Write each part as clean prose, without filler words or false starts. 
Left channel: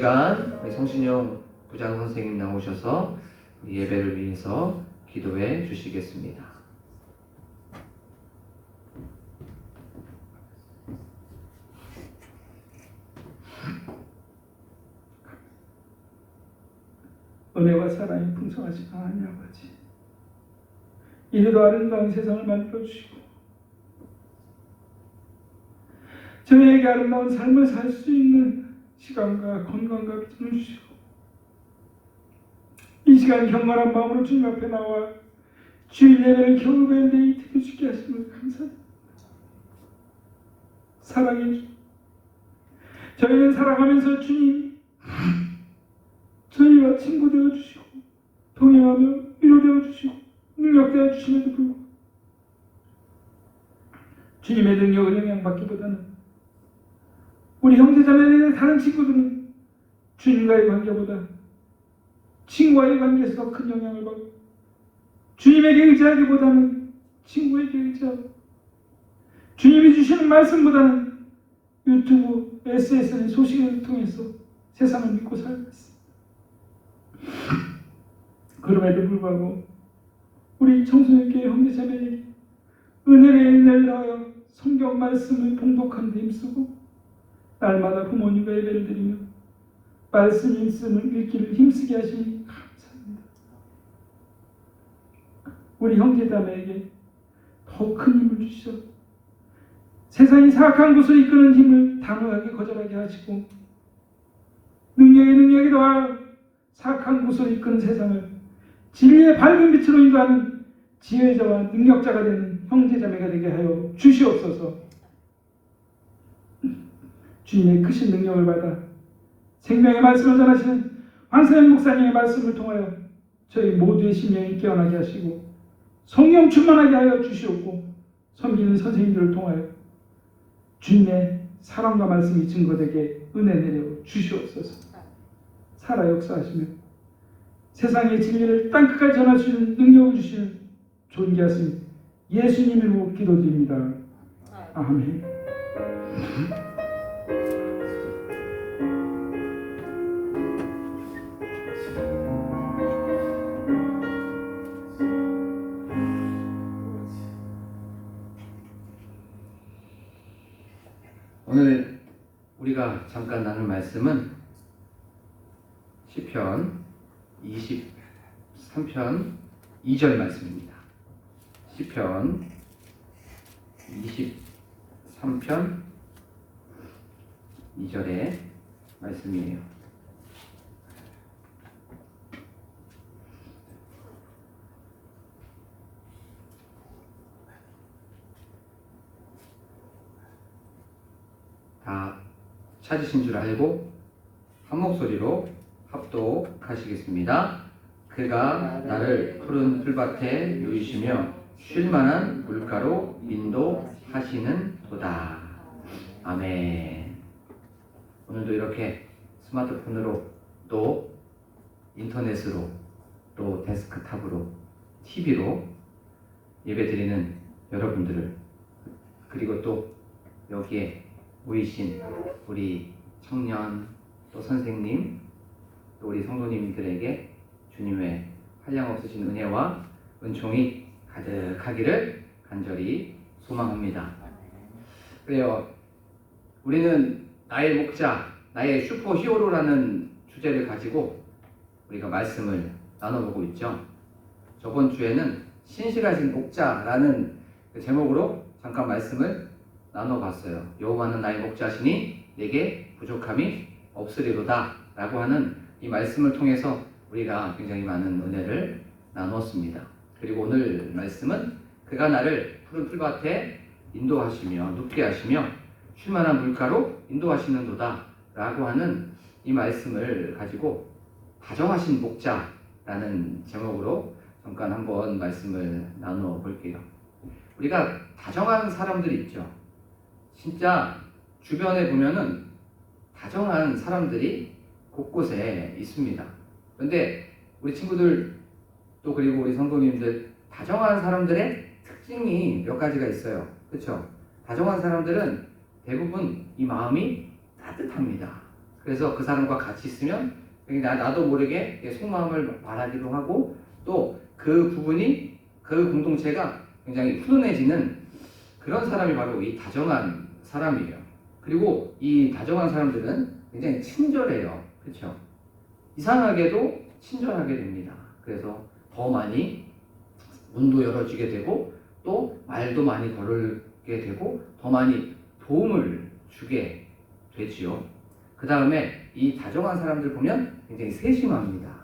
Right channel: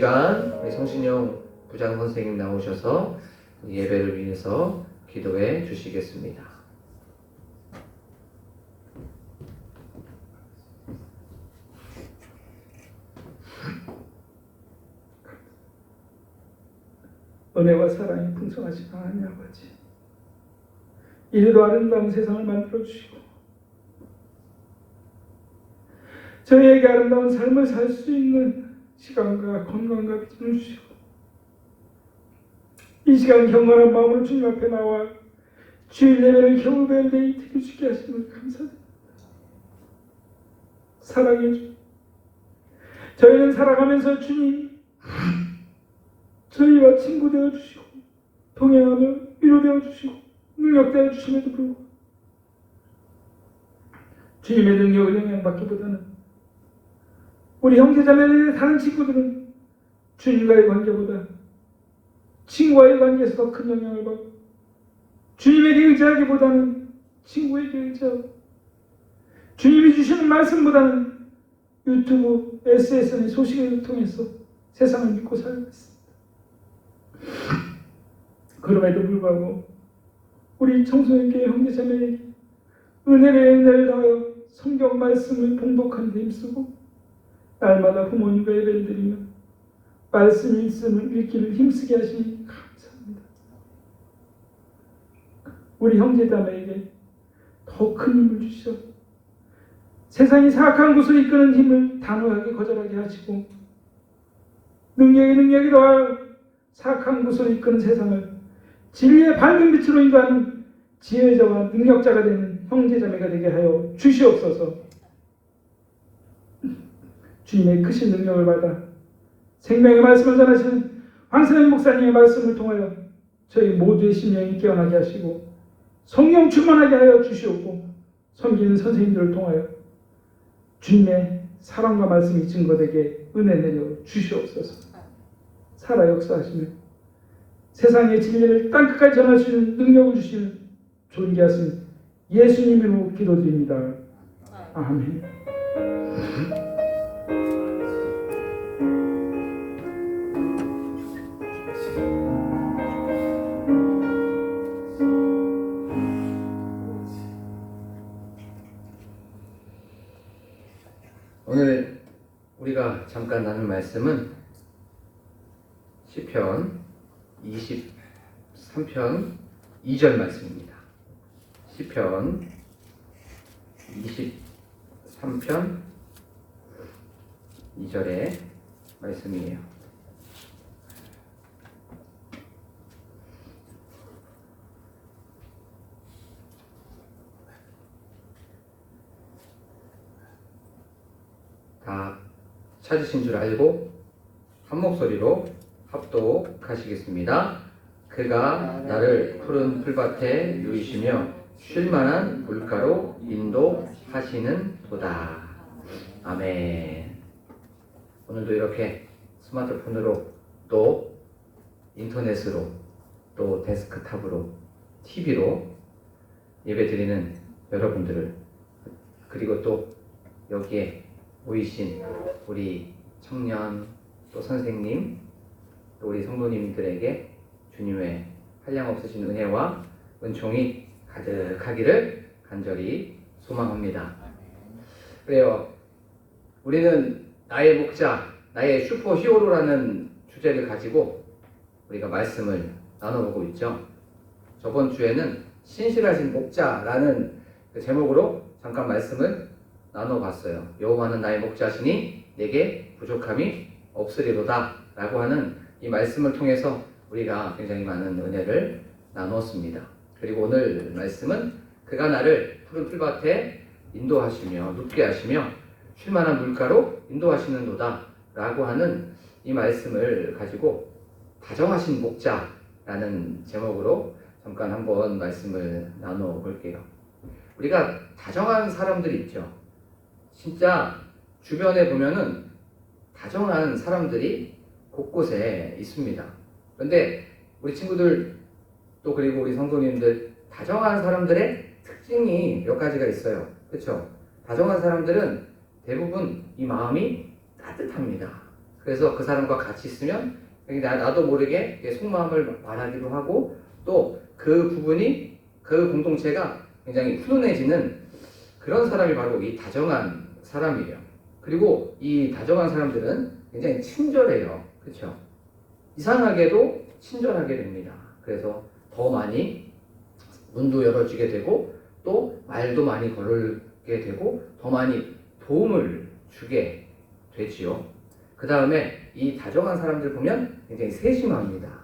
시간 우리 성신용 부장 선생님 나오셔서 예배를 위해서 기도해 주시겠습니다. 은혜와 사랑이 풍성하신 하나님 아버지, 이리도 아름다운 세상을 만들어주시고 저희에게 아름다운 삶을 살 수 있는 시간과 건강과 비전을 주시고 이 시간 경건한 마음으로 주님 앞에 나와 주일 예배를 경배할 때 드리시게 하시는 감사합니다. 사랑해 주. 저희는 살아가면서 주님 저희와 친구 되어 주시고 동행하며 위로되어 주시고 능력되어 주심에도 불구하고 주님의 능력을 영향받기보다는 우리 형제자매들의 다른 친구들은 주님과의 관계보다 친구와의 관계에서 더 큰 영향을 받고 주님에게 의지하기보다는 친구에게 의지하고 주님이 주시는 말씀보다는 유튜브, SNS의 소식을 통해서 세상을 믿고 살고 있습니다. 그럼에도 불구하고 우리 청소년교회 형제자매에게 은혜를 더하여 성경 말씀을 봉독하는 데 힘쓰고 날마다 부모님과 예배를 드리며 말씀 읽기를 힘쓰게 하시니 감사합니다. 우리 형제자매에게 더 큰 힘을 주시어 세상이 사악한 곳을 이끄는 힘을 단호하게 거절하게 하시고 능력이 더하여 사악한 곳을 이끄는 세상을 진리의 밝은 빛으로 인도하는 지혜자와 능력자가 되는 형제자매가 되게 하여 주시옵소서. 주님의 크신 능력을 받아 생명의 말씀을 전하시는 황선현 목사님의 말씀을 통하여 저희 모두의 심령이 깨어나게 하시고 성령 충만하게 하여 주시옵고 섬기는 선생님들을 통하여 주님의 사랑과 말씀이 증거되게 은혜 내려 주시옵소서. 살아 역사하시며 세상의 진리를 땅끝까지 전할 수 있는 능력을 주시는 존귀하신 예수님으로 기도드립니다. 아멘. 오늘 우리가 잠깐 나눌 말씀은 시편 23편 2절 말씀입니다. 시편 23편 2절의 말씀이에요. 다 찾으신 줄 알고 한 목소리로 합독하시겠습니다. 그가 나를 푸른 풀밭에 누이시며 쉴만한 물가로 인도하시는 도다. 아멘. 오늘도 이렇게 스마트폰으로 또 인터넷으로 또 데스크탑으로 TV로 예배드리는 여러분들을 그리고 또 여기에 모이신 우리 청년 또 선생님 또 우리 성도님들에게 주님의 한량없으신 은혜와 은총이 가득하기를 간절히 소망합니다. 그래요. 우리는 나의 목자, 나의 슈퍼 히어로라는 주제를 가지고 우리가 말씀을 나눠보고 있죠. 저번 주에는 신실하신 목자라는 그 제목으로 잠깐 말씀을 나눠봤어요. 여호와는 나의 목자시니 내게 부족함이 없으리로다 라고 하는 이 말씀을 통해서 우리가 굉장히 많은 은혜를 나눴습니다. 그리고 오늘 말씀은 그가 나를 푸른 풀밭에 인도하시며 눕게 하시며 쉴만한 물가로 인도하시는도다 라고 하는 이 말씀을 가지고 다정하신 목자라는 제목으로 잠깐 한번 말씀을 나눠볼게요. 우리가 다정한 사람들이 있죠. 진짜 주변에 보면은 다정한 사람들이 곳곳에 있습니다. 그런데 우리 친구들 또 그리고 우리 성도님들 다정한 사람들의 특징이 몇 가지가 있어요. 그렇죠? 다정한 사람들은 대부분 이 마음이 따뜻합니다. 그래서 그 사람과 같이 있으면 나도 모르게 속마음을 말하기도 하고 또 그 부분이 그 공동체가 굉장히 훈훈해지는 그런 사람이 바로 이 다정한 사람이에요. 그리고 이 다정한 사람들은 굉장히 친절해요. 그렇죠? 이상하게도 친절하게 됩니다. 그래서 더 많이 문도 열어주게 되고 또 말도 많이 걸게 되고 더 많이 도움을 주게 되지요. 그 다음에 이 다정한 사람들 보면 굉장히 세심합니다.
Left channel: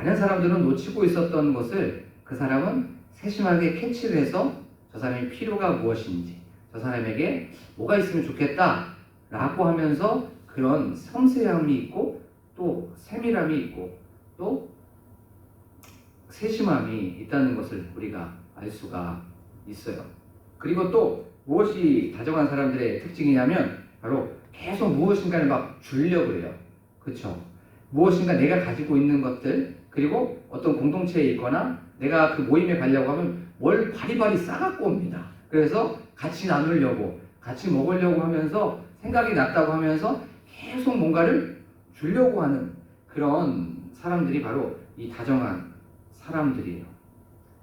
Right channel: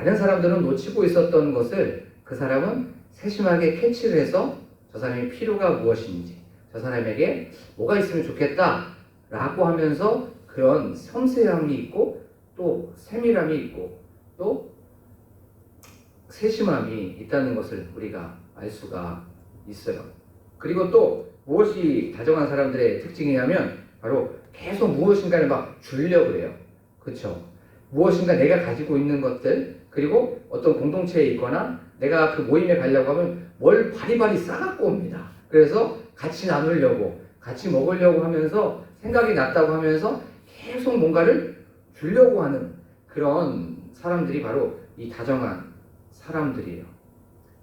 다른 사람들은 놓치고 있었던 것을 그 사람은 세심하게 캐치를 해서 저 사람의 필요가 무엇인지 저 사람에게 뭐가 있으면 좋겠다 라고 하면서 그런 섬세함이 있고 또 세밀함이 있고 또 세심함이 있다는 것을 우리가 알 수가 있어요. 그리고 또 무엇이 다정한 사람들의 특징이냐면 바로 계속 무엇인가를 막 주려고 해요. 그렇죠? 무엇인가 내가 가지고 있는 것들 그리고 어떤 공동체에 있거나 내가 그 모임에 가려고 하면 뭘 바리바리 싸갖고 옵니다. 그래서 같이 나누려고 같이 먹으려고 하면서 생각이 났다고 하면서 계속 뭔가를 주려고 하는 그런 사람들이 바로 이 다정한 사람들이에요.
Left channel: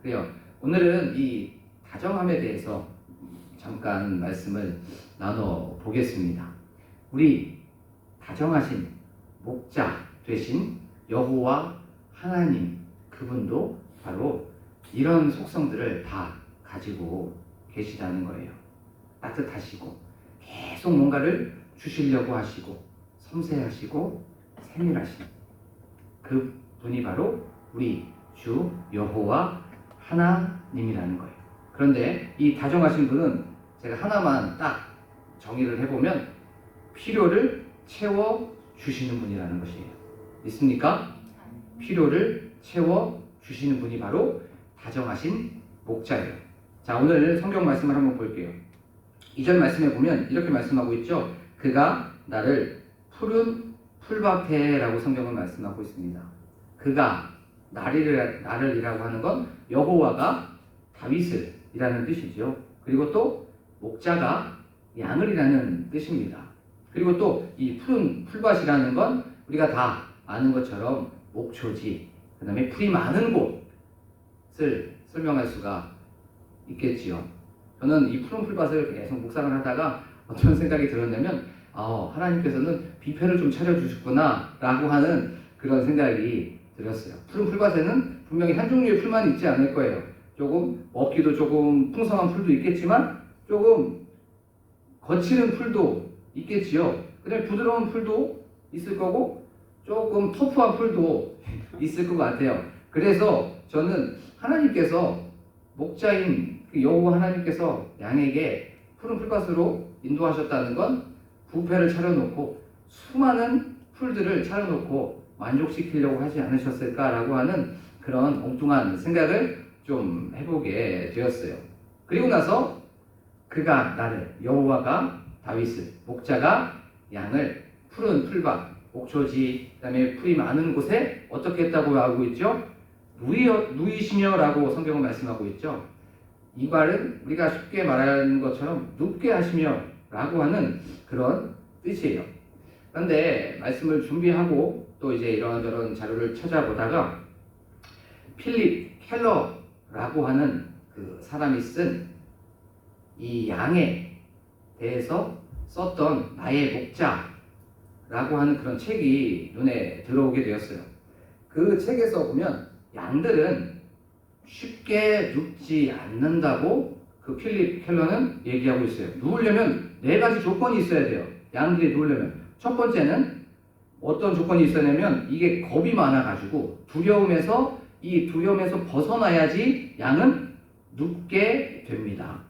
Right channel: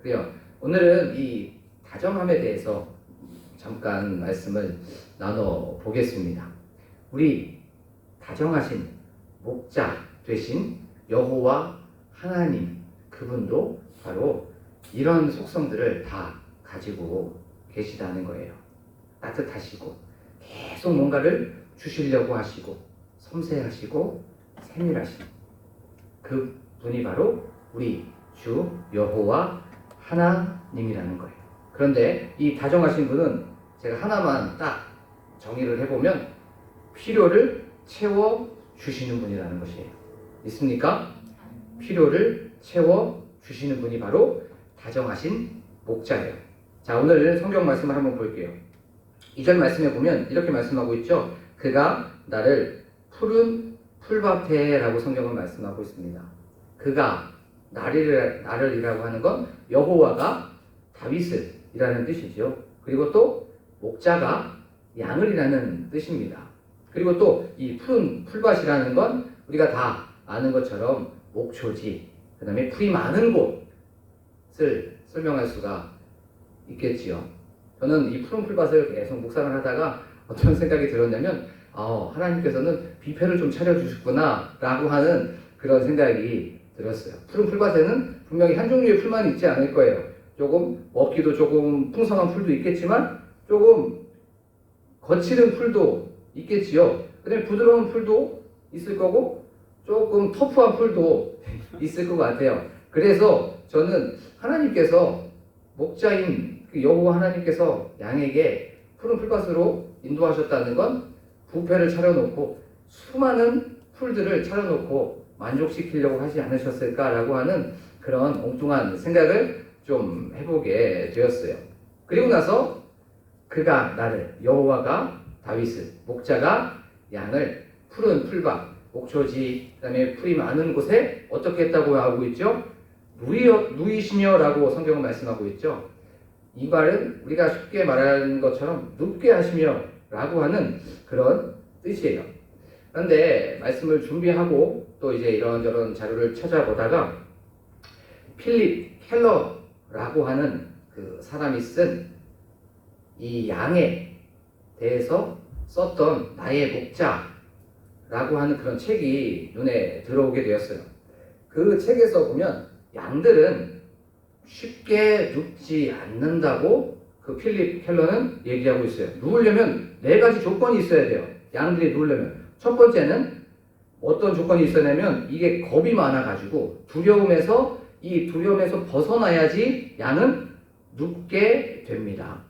그래요. 오늘은 이 다정함에 대해서 잠깐 말씀을 나눠 보겠습니다. 우리 다정하신 목자 되신 여호와 하나님 그분도 바로 이런 속성들을 다 가지고 계시다는 거예요. 따뜻하시고 계속 뭔가를 주시려고 하시고 섬세하시고 세밀하신 그 분이 바로 우리 주 여호와 하나님이라는 거예요. 그런데 이 다정하신 분은 제가 하나만 딱 정의를 해보면 필요를 채워주시는 분이라는 것이에요. 있습니까? 필요를 채워주시는 분이 바로 다정하신 목자예요. 자, 오늘 성경 말씀을 한번 볼게요. 2절 말씀에 보면 이렇게 말씀하고 있죠. 그가 나를 푸른 풀밭에라고 성경은 말씀하고 있습니다. 그가 나를이라고 하는 건 여호와가 다윗을 이라는 뜻이죠. 그리고 또 목자가 양을이라는 뜻입니다. 그리고 또 이 푸른 풀밭이라는 건 우리가 다 아는 것처럼 목초지, 그 다음에 풀이 많은 곳을 설명할 수가 있겠지요. 저는 이 푸른 풀밭을 계속 묵상을 하다가 어떤 생각이 들었냐면 하나님께서는 뷔페를 좀 차려주셨구나 라고 하는 그런 생각이 들었어요. 푸른 풀밭에는 분명히 한 종류의 풀만 있지 않을 거예요. 조금 먹기도 조금 풍성한 풀도 있겠지만 조금 거칠은 풀도 있겠지요. 그 다음에 부드러운 풀도 있을 거고 조금 터프한 풀도 있을 것 같아요. 그래서 저는 하나님께서 목자인 그 여호와 하나님께서 양에게 푸른 풀밭으로 인도하셨다는 건 뷔페를 차려놓고 수많은 풀들을 차려놓고 만족시키려고 하지 않으셨을까라고 하는 그런 엉뚱한 생각을 좀 해보게 되었어요. 그리고 나서 그가 나를 여호와가 다윗을 목자가 양을 푸른 풀밭 목초지 그다음에 풀이 많은 곳에 어떻게 했다고 하고 있죠? 누이시며라고 성경은 말씀하고 있죠. 이 말은 우리가 쉽게 말하는 것처럼 눕게 하시며라고 하는 그런 뜻이에요. 그런데 말씀을 준비하고 또 이제 이런저런 자료를 찾아보다가 필립 켈러라고 하는 그 사람이 쓴 이 양에 대해서 썼던 나의 목자라고 하는 그런 책이 눈에 들어오게 되었어요. 그 책에서 보면 양들은 쉽게 눕지 않는다고 그 필립 켈러는 얘기하고 있어요. 누우려면 4가지 조건이 있어야 돼요. 양들이 누우려면. 첫 번째는 어떤 조건이 있어야냐면 이게 겁이 많아가지고 두려움에서 벗어나야지 양은 눕게 됩니다.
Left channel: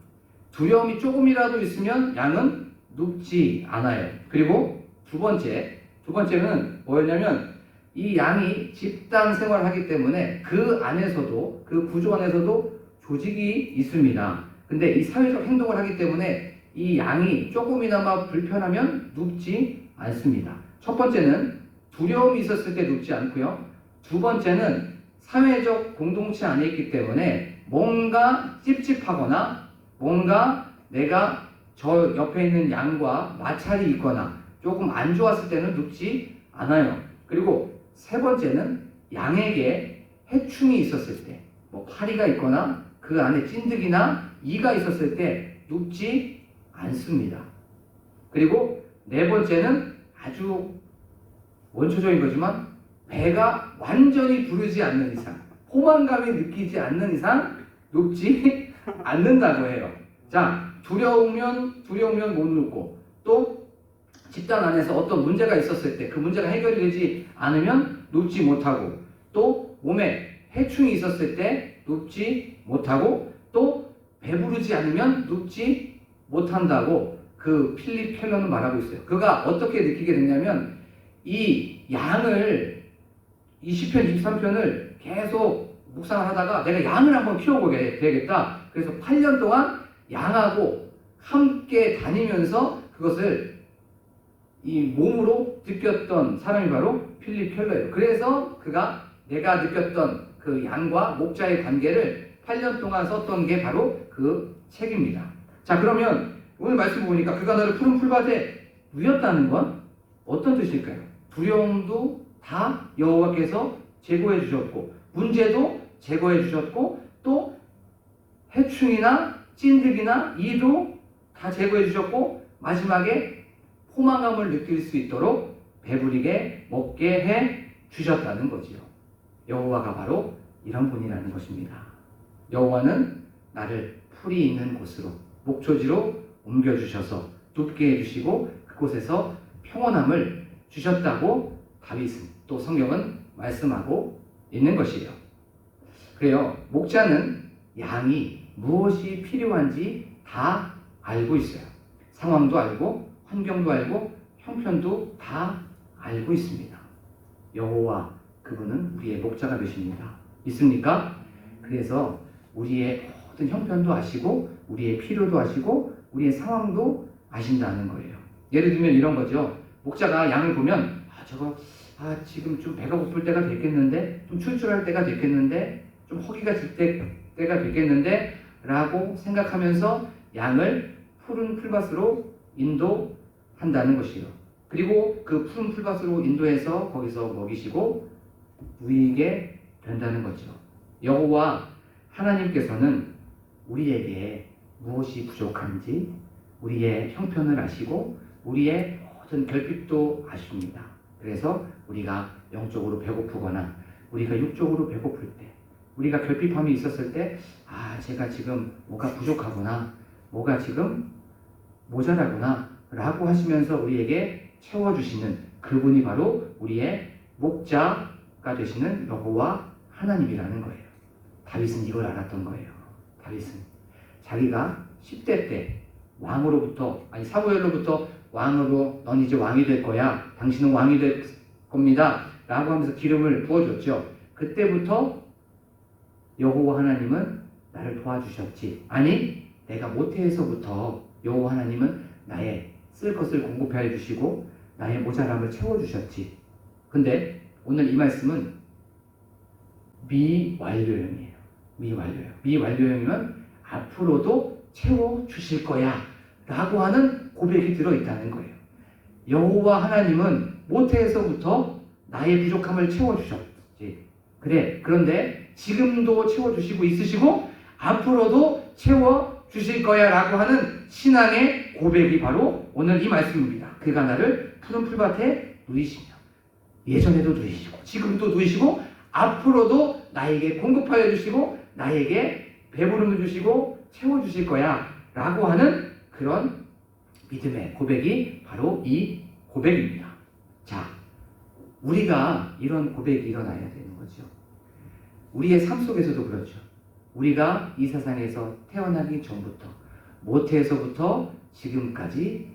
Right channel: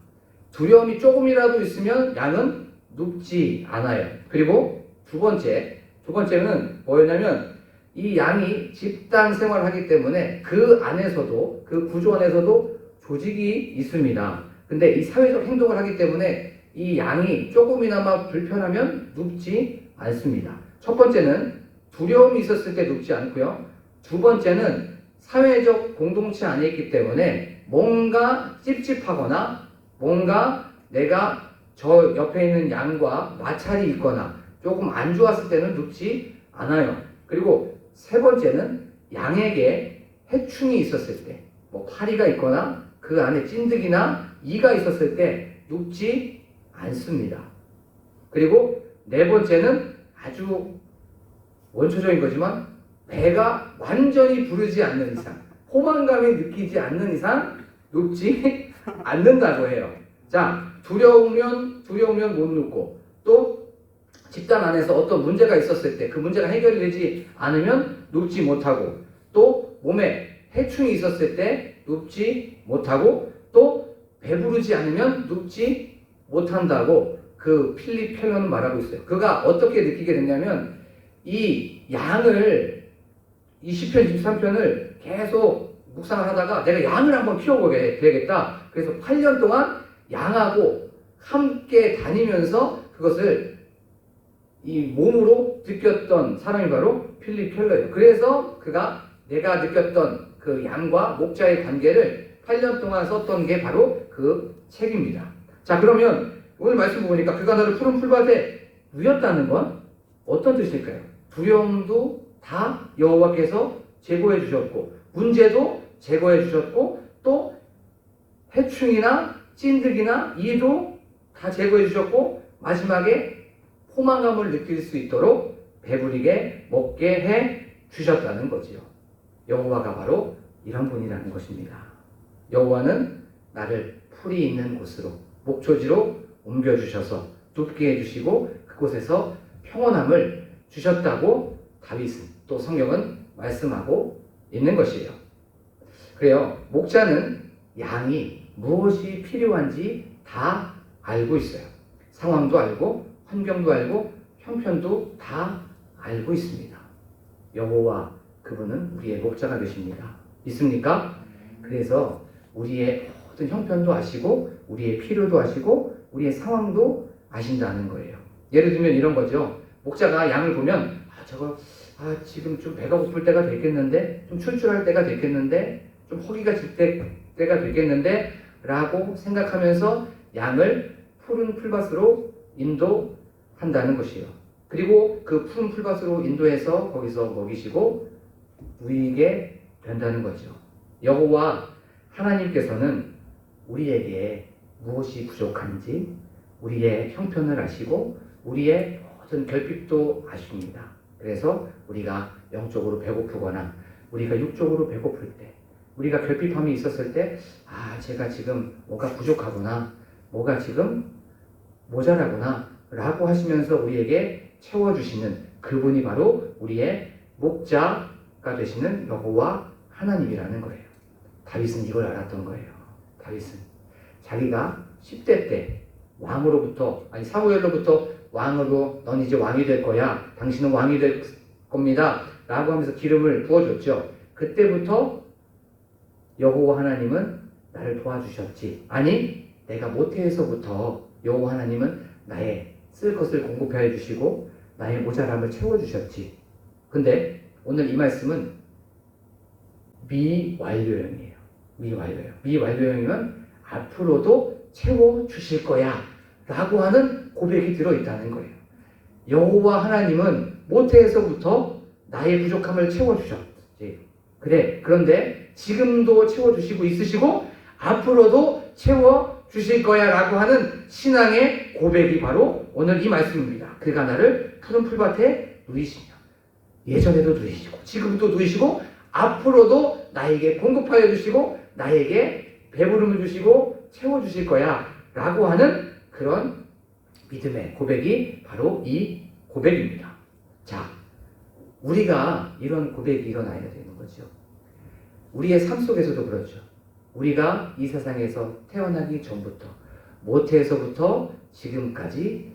두려움이 조금이라도 있으면 양은 눕지 않아요. 그리고 두 번째는 뭐였냐면 이 양이 집단 생활을 하기 때문에 그 안에서도 그 구조 안에서도 조직이 있습니다. 근데 이 사회적 행동을 하기 때문에 이 양이 조금이나마 불편하면 눕지 않습니다. 첫 번째는 두려움이 있었을 때 눕지 않고요. 두 번째는 사회적 공동체 안에 있기 때문에 뭔가 찝찝하거나 뭔가 내가 저 옆에 있는 양과 마찰이 있거나 조금 안 좋았을 때는 눕지 않아요. 그리고 세 번째는 양에게 해충이 있었을 때, 뭐 파리가 있거나 그 안에 찐득이나 이가 있었을 때 눕지 않습니다. 그리고 네 번째는 아주 원초적인 거지만 배가 완전히 부르지 않는 이상, 포만감이 느끼지 않는 이상 눕지 않는다고 해요. 자, 두려우면 못 눕고, 또 집단 안에서 어떤 문제가 있었을 때 그 문제가 해결이 되지 않으면 눕지 못하고, 또 몸에 해충이 있었을 때 눕지 못하고, 또 배부르지 않으면 눕지 못한다고 그 필립 켈러는 말하고 있어요. 그가 어떻게 느끼게 됐냐면 이 양을 이 시편 23편을 계속 묵상을 하다가 내가 양을 한번 키워보게 되겠다. 그래서 8년 동안 양하고 함께 다니면서 그것을 이 몸으로 느꼈던 사람이 바로 필립 켈러예요. 그래서 그가 내가 느꼈던 그 양과 목자의 관계를 8년 동안 썼던 게 바로 그 책입니다. 자, 그러면 오늘 말씀 보니까 그가 너를 푸른 풀밭에 누였다는 건 어떤 뜻일까요? 두려움도 다 여호와께서 제거해 주셨고, 문제도 제거해 주셨고, 또 해충이나 찐득이나 이도 다 제거해 주셨고, 마지막에 포만감을 느낄 수 있도록 배부리게 먹게 해 주셨다는 거지요. 여호와가 바로 이런 분이라는 것입니다. 여호와는 나를 풀이 있는 곳으로, 목초지로 옮겨주셔서 눕게 해주시고 그곳에서 평온함을 주셨다고 다윗은, 또 성경은 말씀하고 있는 것이에요. 그래요. 목자는 양이 무엇이 필요한지 다 알고 있어요. 상황도 알고 환경도 알고 형편도 다 알고 있습니다. 여호와 그분은 우리의 목자가 되십니다. 있습니까? 그래서 우리의 모든 형편도 아시고 우리의 필요도 아시고 우리의 상황도 아신다는 거예요. 예를 들면 이런 거죠. 목자가 양을 보면 지금 좀 배가 고플 때가 됐겠는데, 좀 출출할 때가 됐겠는데, 좀 허기가 질 때가 됐겠는데 라고 생각하면서 양을 푸른 풀밭으로 인도한다는 것이에요. 그리고 그 푸른 풀밭으로 인도해서 거기서 먹이시고 누이게 된다는 거죠. 여호와 하나님께서는 우리에게 무엇이 부족한지 우리의 형편을 아시고 우리의 모든 결핍도 아십니다. 그래서 우리가 영적으로 배고프거나 우리가 육적으로 배고플 때, 우리가 결핍함이 있었을 때, 제가 지금 뭐가 부족하구나, 뭐가 지금 모자라구나 라고 하시면서 우리에게 채워주시는 그분이 바로 우리의 목자가 되시는 여호와 하나님이라는 거예요. 다윗은 이걸 알았던 거예요. 다윗은 자기가 10대 때 사무엘로부터 왕으로, 넌 이제 왕이 될 거야, 당신은 왕이 될 겁니다 라고 하면서 기름을 부어줬죠. 그때부터 여호와 하나님은 나를 도와주셨지, 아니 내가 모태에서부터 여호와 하나님은 나의 쓸 것을 공급하여 주시고 나의 모자람을 채워주셨지. 근데 오늘 이 말씀은 미완료형이에요. 미완료형이면 앞으로도 채워주실 거야 라고 하는 고백이 들어있다는 거예요. 여호와 하나님은 모태에서부터 나의 부족함을 채워주셨지. 그런데 지금도 채워주시고 있으시고 앞으로도 채워주실 거야 라고 하는 신앙의 고백이 바로 오늘 이 말씀입니다. 그가 나를 푸른 풀밭에 누이시며, 예전에도 누이시고 지금도 누이시고 앞으로도 나에게 공급하여 주시고 나에게 배부름을 주시고 채워주실 거야 라고 하는 그런 믿음의 고백이 바로 이 고백입니다. 자, 우리가 이런 고백이 일어나야 되는 거죠. 우리의 삶 속에서도 그렇죠. 우리가 이 세상에서 태어나기 전부터, 모태에서부터 지금까지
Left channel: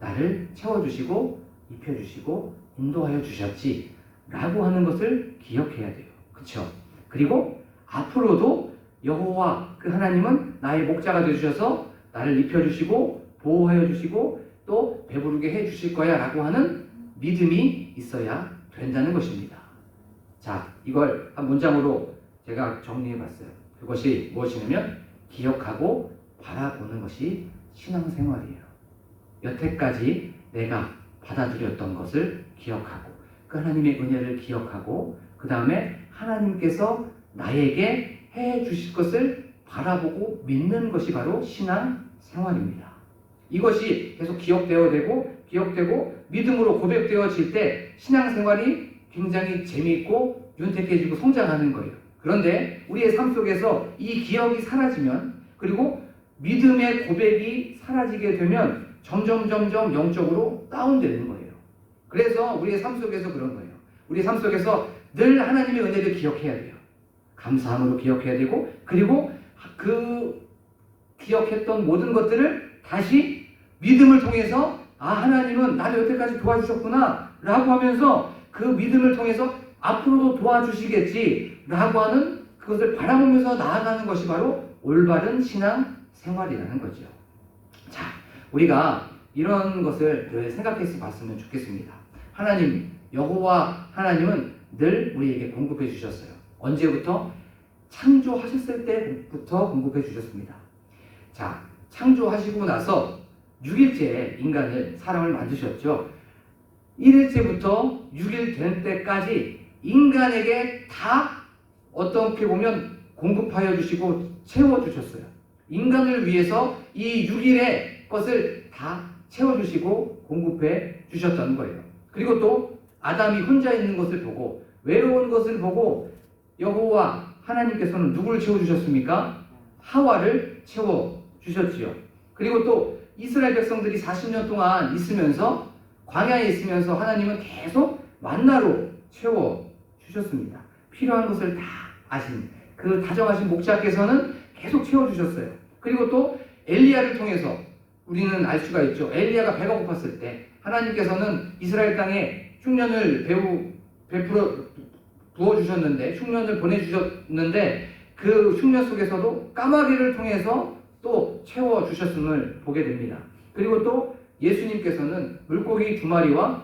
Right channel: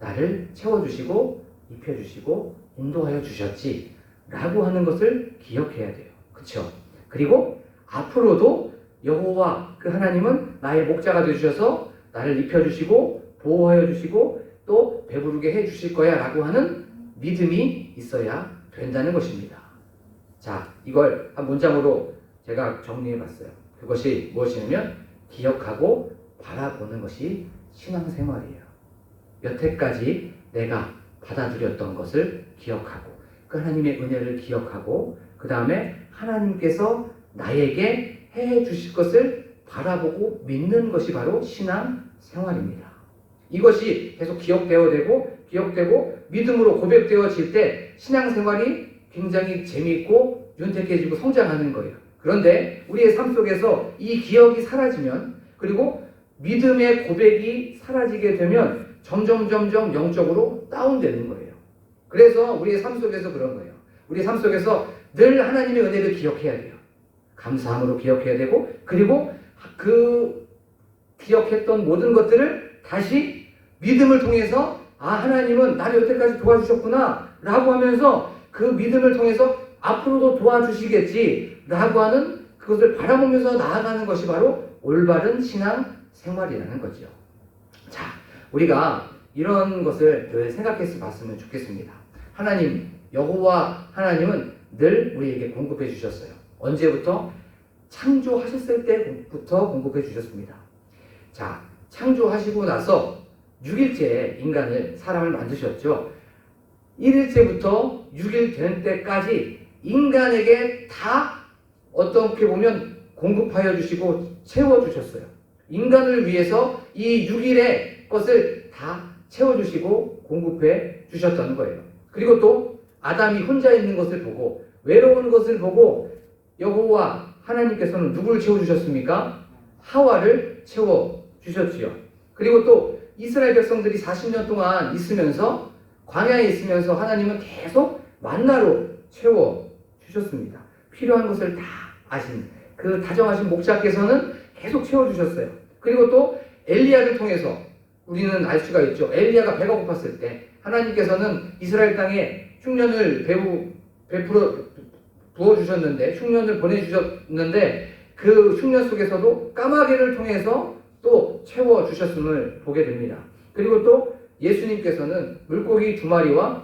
나를 채워주시고 입혀주시고 인도하여 주셨지 라고 하는 것을 기억해야 돼요. 그렇죠? 그리고 앞으로도 여호와 그 하나님은 나의 목자가 되주셔서 나를 입혀주시고 보호하여 주시고 또 배부르게 해주실 거야 라고 하는 믿음이 있어야 된다는 것입니다. 자, 이걸 한 문장으로 제가 정리해 봤어요. 그것이 무엇이냐면 기억하고 바라보는 것이 신앙생활이에요. 여태까지 내가 받아들였던 것을 기억하고 그 하나님의 은혜를 기억하고 그 다음에 하나님께서 나에게 해 주실 것을 바라보고 믿는 것이 바로 신앙 생활입니다. 이것이 계속 기억되고 믿음으로 고백되어질 때 신앙 생활이 굉장히 재미있고 윤택해지고 성장하는 거예요. 그런데 우리의 삶 속에서 이 기억이 사라지면 그리고 믿음의 고백이 사라지게 되면 점점 영적으로 다운되는 거예요. 그래서 우리의 삶 속에서 그런 거예요. 우리의 삶 속에서 늘 하나님의 은혜를 기억해야 돼요. 감사함으로 기억해야 되고 그리고 그 기억했던 모든 것들을 다시 믿음을 통해서 하나님은 나를 여태까지 도와주셨구나 라고 하면서 그 믿음을 통해서 앞으로도 도와주시겠지 라고 하는 그것을 바라보면서 나아가는 것이 바로 올바른 신앙 생활이라는 거죠. 자, 우리가 이런 것을 늘 생각해서 봤으면 좋겠습니다. 하나님, 여호와 하나님은 늘 우리에게 공급해 주셨어요. 언제부터? 창조하셨을 때부터 공급해 주셨습니다. 자, 창조하시고 나서 6일째 인간을, 사람을 만드셨죠. 1일째부터 6일 될 때까지 인간에게 다 어떻게 보면 공급하여 주시고 채워주셨어요. 인간을 위해서 이 6일의 것을 다 채워주시고 공급해 주셨다는 거예요. 그리고 또 아담이 혼자 있는 것을 보고 외로운 것을 보고 여호와 하나님께서는 누구를 채워주셨습니까? 하와를 채워주셨지요. 그리고 또 이스라엘 백성들이 40년 동안 있으면서 광야에 있으면서 하나님은 계속 만나로 채워주셨습니다. 필요한 것을 다 아신 그 다정하신 목자께서는 계속 채워주셨어요. 그리고 또 엘리야를 통해서 우리는 알 수가 있죠. 엘리야가 배가 고팠을 때 하나님께서는 이스라엘 땅에 흉년을 베풀어 부어주셨는데 흉년을 보내주셨는데 그 흉년 속에서도 까마귀를 통해서 또 채워주셨음을 보게 됩니다. 그리고 또 예수님께서는 물고기 2마리와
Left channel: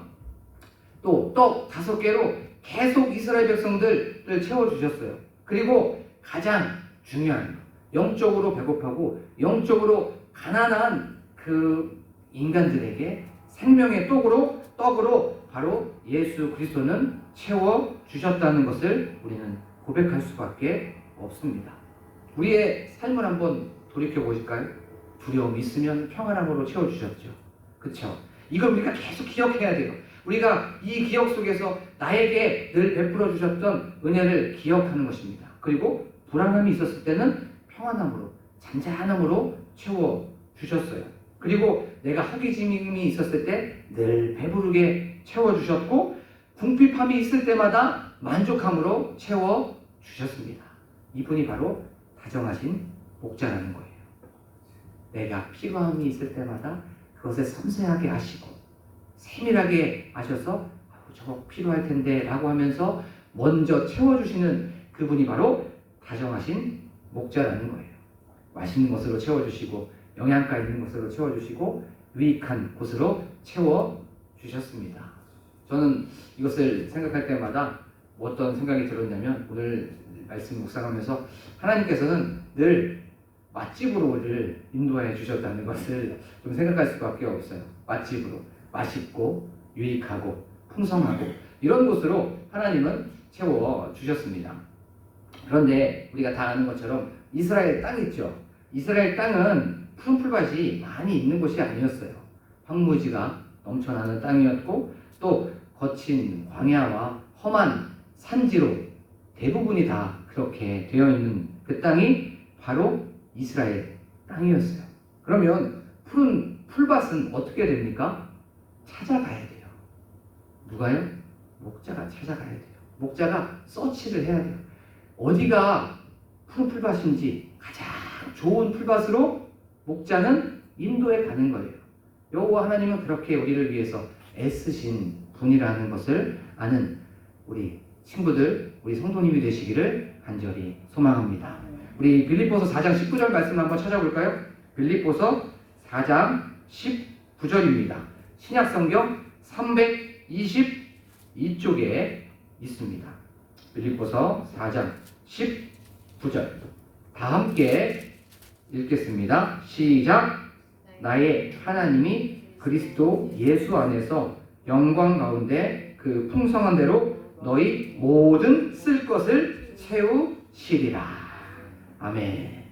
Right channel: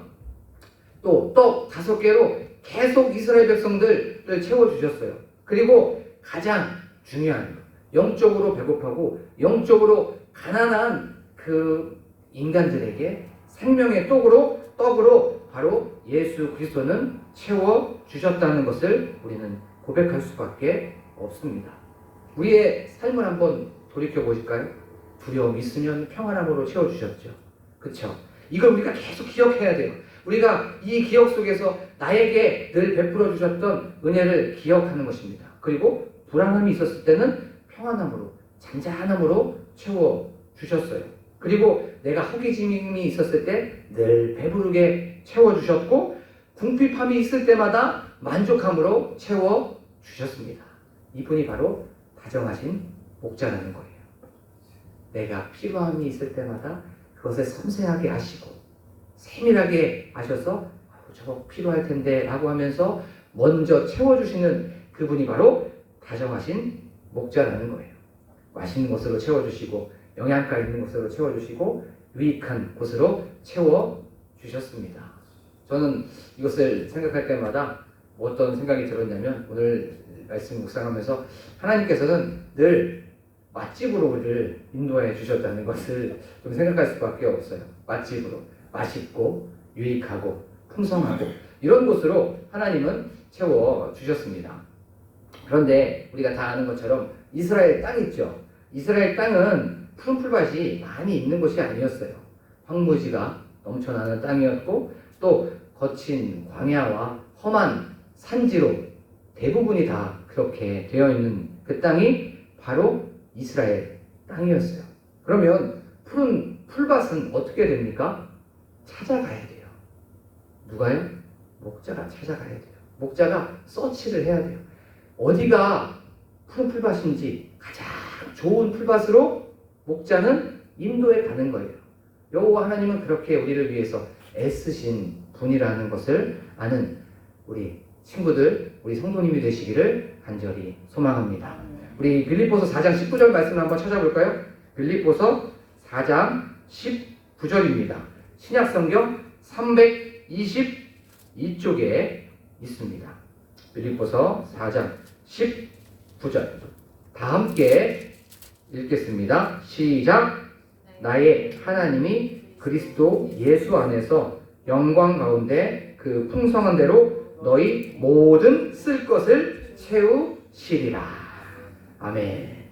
또 떡 5개로 계속 이스라엘 백성들을 채워주셨어요. 그리고 가장 중요한 것, 영적으로 배고파고 영적으로 가난한 그 인간들에게 생명의 떡으로 바로 예수 그리스도는 채워주셨다는 것을 우리는 고백할 수밖에 없습니다. 우리의 삶을 한번 돌이켜 보실까요? 두려움 있으면 평안함으로 채워주셨죠. 그렇죠? 이걸 우리가 계속 기억해야 돼요. 우리가 이 기억 속에서 나에게 늘 베풀어 주셨던 은혜를 기억하는 것입니다. 그리고 불안함이 있었을 때는 평안함으로, 잔잔함으로 채워주셨어요. 그리고 내가 허기짐이 있었을 때 늘 배부르게 채워주셨고 궁핍함이 있을 때마다 만족함으로 채워주셨습니다. 이분이 바로 다정하신 목자라는 거예요. 내가 필요함이 있을 때마다 그것을 섬세하게 하시고 세밀하게 아셔서 저거 필요할 텐데 라고 하면서 먼저 채워주시는 그분이 바로 다정하신 목자라는 거예요. 맛있는 것으로 채워주시고 영양가 있는 것으로 채워주시고 유익한 곳으로 채워주셨습니다. 저는 이것을 생각할 때마다 어떤 생각이 들었냐면 오늘 말씀 묵상하면서 하나님께서는 늘 맛집으로 우리를 인도해 주셨다는 것을 좀 생각할 수밖에 없어요. 맛집으로 맛있고 유익하고 풍성하고 이런 곳으로 하나님은 채워주셨습니다. 그런데 우리가 다 아는 것처럼 이스라엘 땅 있죠. 이스라엘 땅은 푸른 풀밭이 많이 있는 곳이 아니었어요. 황무지가 넘쳐나는 땅이었고 또 거친 광야와 험한 산지로 대부분이 다 그렇게 되어 있는 그 땅이 바로 이스라엘 땅이었어요. 그러면 푸른 풀밭은 어떻게 됩니까? 찾아가야 돼요. 누가요? 목자가 찾아가야 돼요. 목자가 서치를 해야 돼요. 어디가 푸른 풀밭인지 가장 좋은 풀밭으로 목자는 인도해 가는 거예요. 여호와 하나님은 그렇게 우리를 위해서 애쓰신 분이라는 것을 아는 우리 친구들, 우리 성도님이 되시기를 간절히 소망합니다. 우리 빌립보서 4장 19절 말씀 한번 찾아볼까요? 빌립보서 4장 19절입니다. 신약성경 322쪽에 있습니다. 빌립보서 4장 19절 다 함께 읽겠습니다. 시작. 나의 하나님이 그리스도 예수 안에서 영광 가운데 그 풍성한 대로 너희 모든 쓸 것을 채우시리라. 아멘.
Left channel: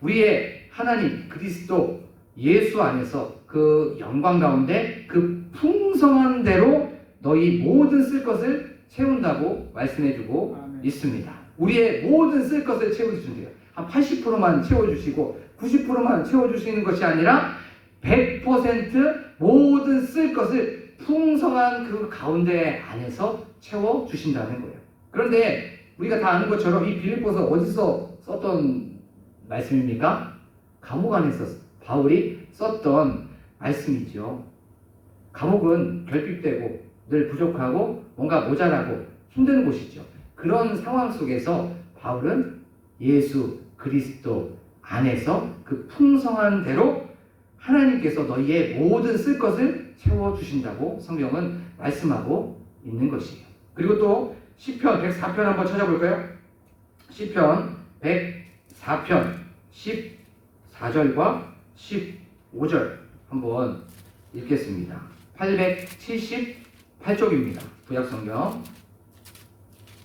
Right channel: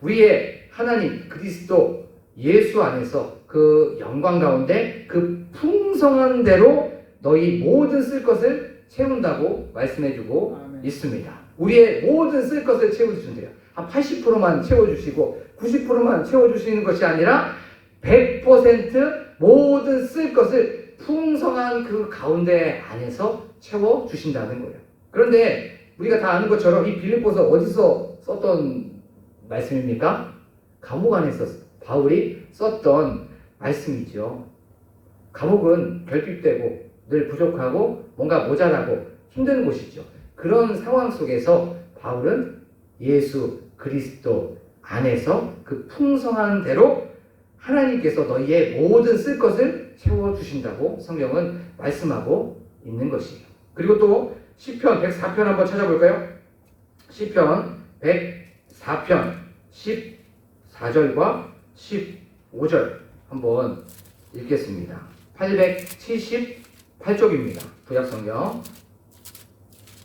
우리의 하나님 그리스도 예수 안에서 그 영광 가운데 그 풍성한 대로 너희 모든 쓸 것을 채운다고 말씀해주고 있습니다. 우리의 모든 쓸 것을 채워주신대요. 한 80%만 채워주시고 90%만 채워주시는 것이 아니라 100% 모든 쓸 것을 풍성한 그 가운데 안에서 채워주신다는 거예요. 그런데 우리가 다 아는 것처럼 이 빌립보서 어디서 썼던 말씀입니까? 감옥 안에서 바울이 썼던 말씀이죠. 감옥은 결핍되고 늘 부족하고 뭔가 모자라고 힘든 곳이죠. 그런 상황 속에서 바울은 예수 그리스도 안에서 그 풍성한 대로 하나님께서 너희의 모든 쓸 것을 채워주신다고 성경은 말씀하고 있는 것이에요. 그리고 또 시편 104편 한번 찾아볼까요? 시편 104편 14절과 15절 한번 읽겠습니다. 878쪽입니다. 구약성경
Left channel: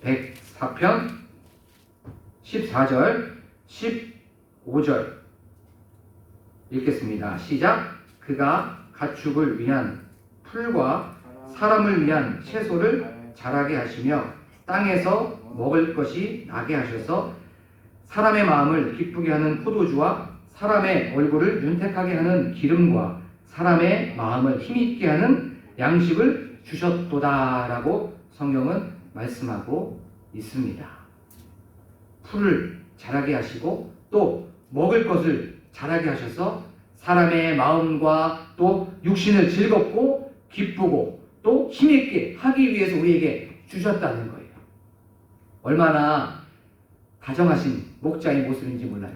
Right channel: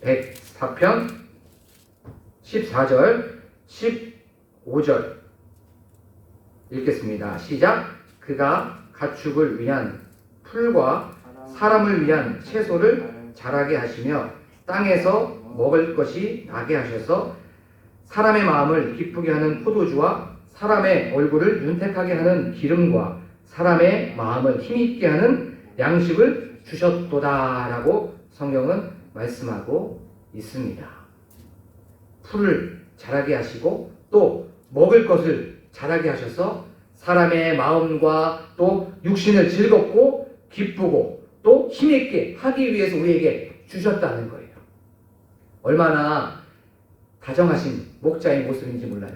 104편 14절 15절 읽겠습니다. 시작. 그가 가축을 위한 풀과 사람을 위한 채소를 자라게 하시며 땅에서 먹을 것이 나게 하셔서 사람의 마음을 기쁘게 하는 포도주와 사람의 얼굴을 윤택하게 하는 기름과 사람의 마음을 힘있게 하는 양식을 주셨도다라고 성경은 말씀하고 있습니다. 풀을 자라게 하시고 또 먹을 것을 자라게 하셔서 사람의 마음과 또 육신을 즐겁고 기쁘고 또 힘있게 하기 위해서 우리에게 주셨다는 거예요. 얼마나 다정하신 목자의 모습인지 몰라요.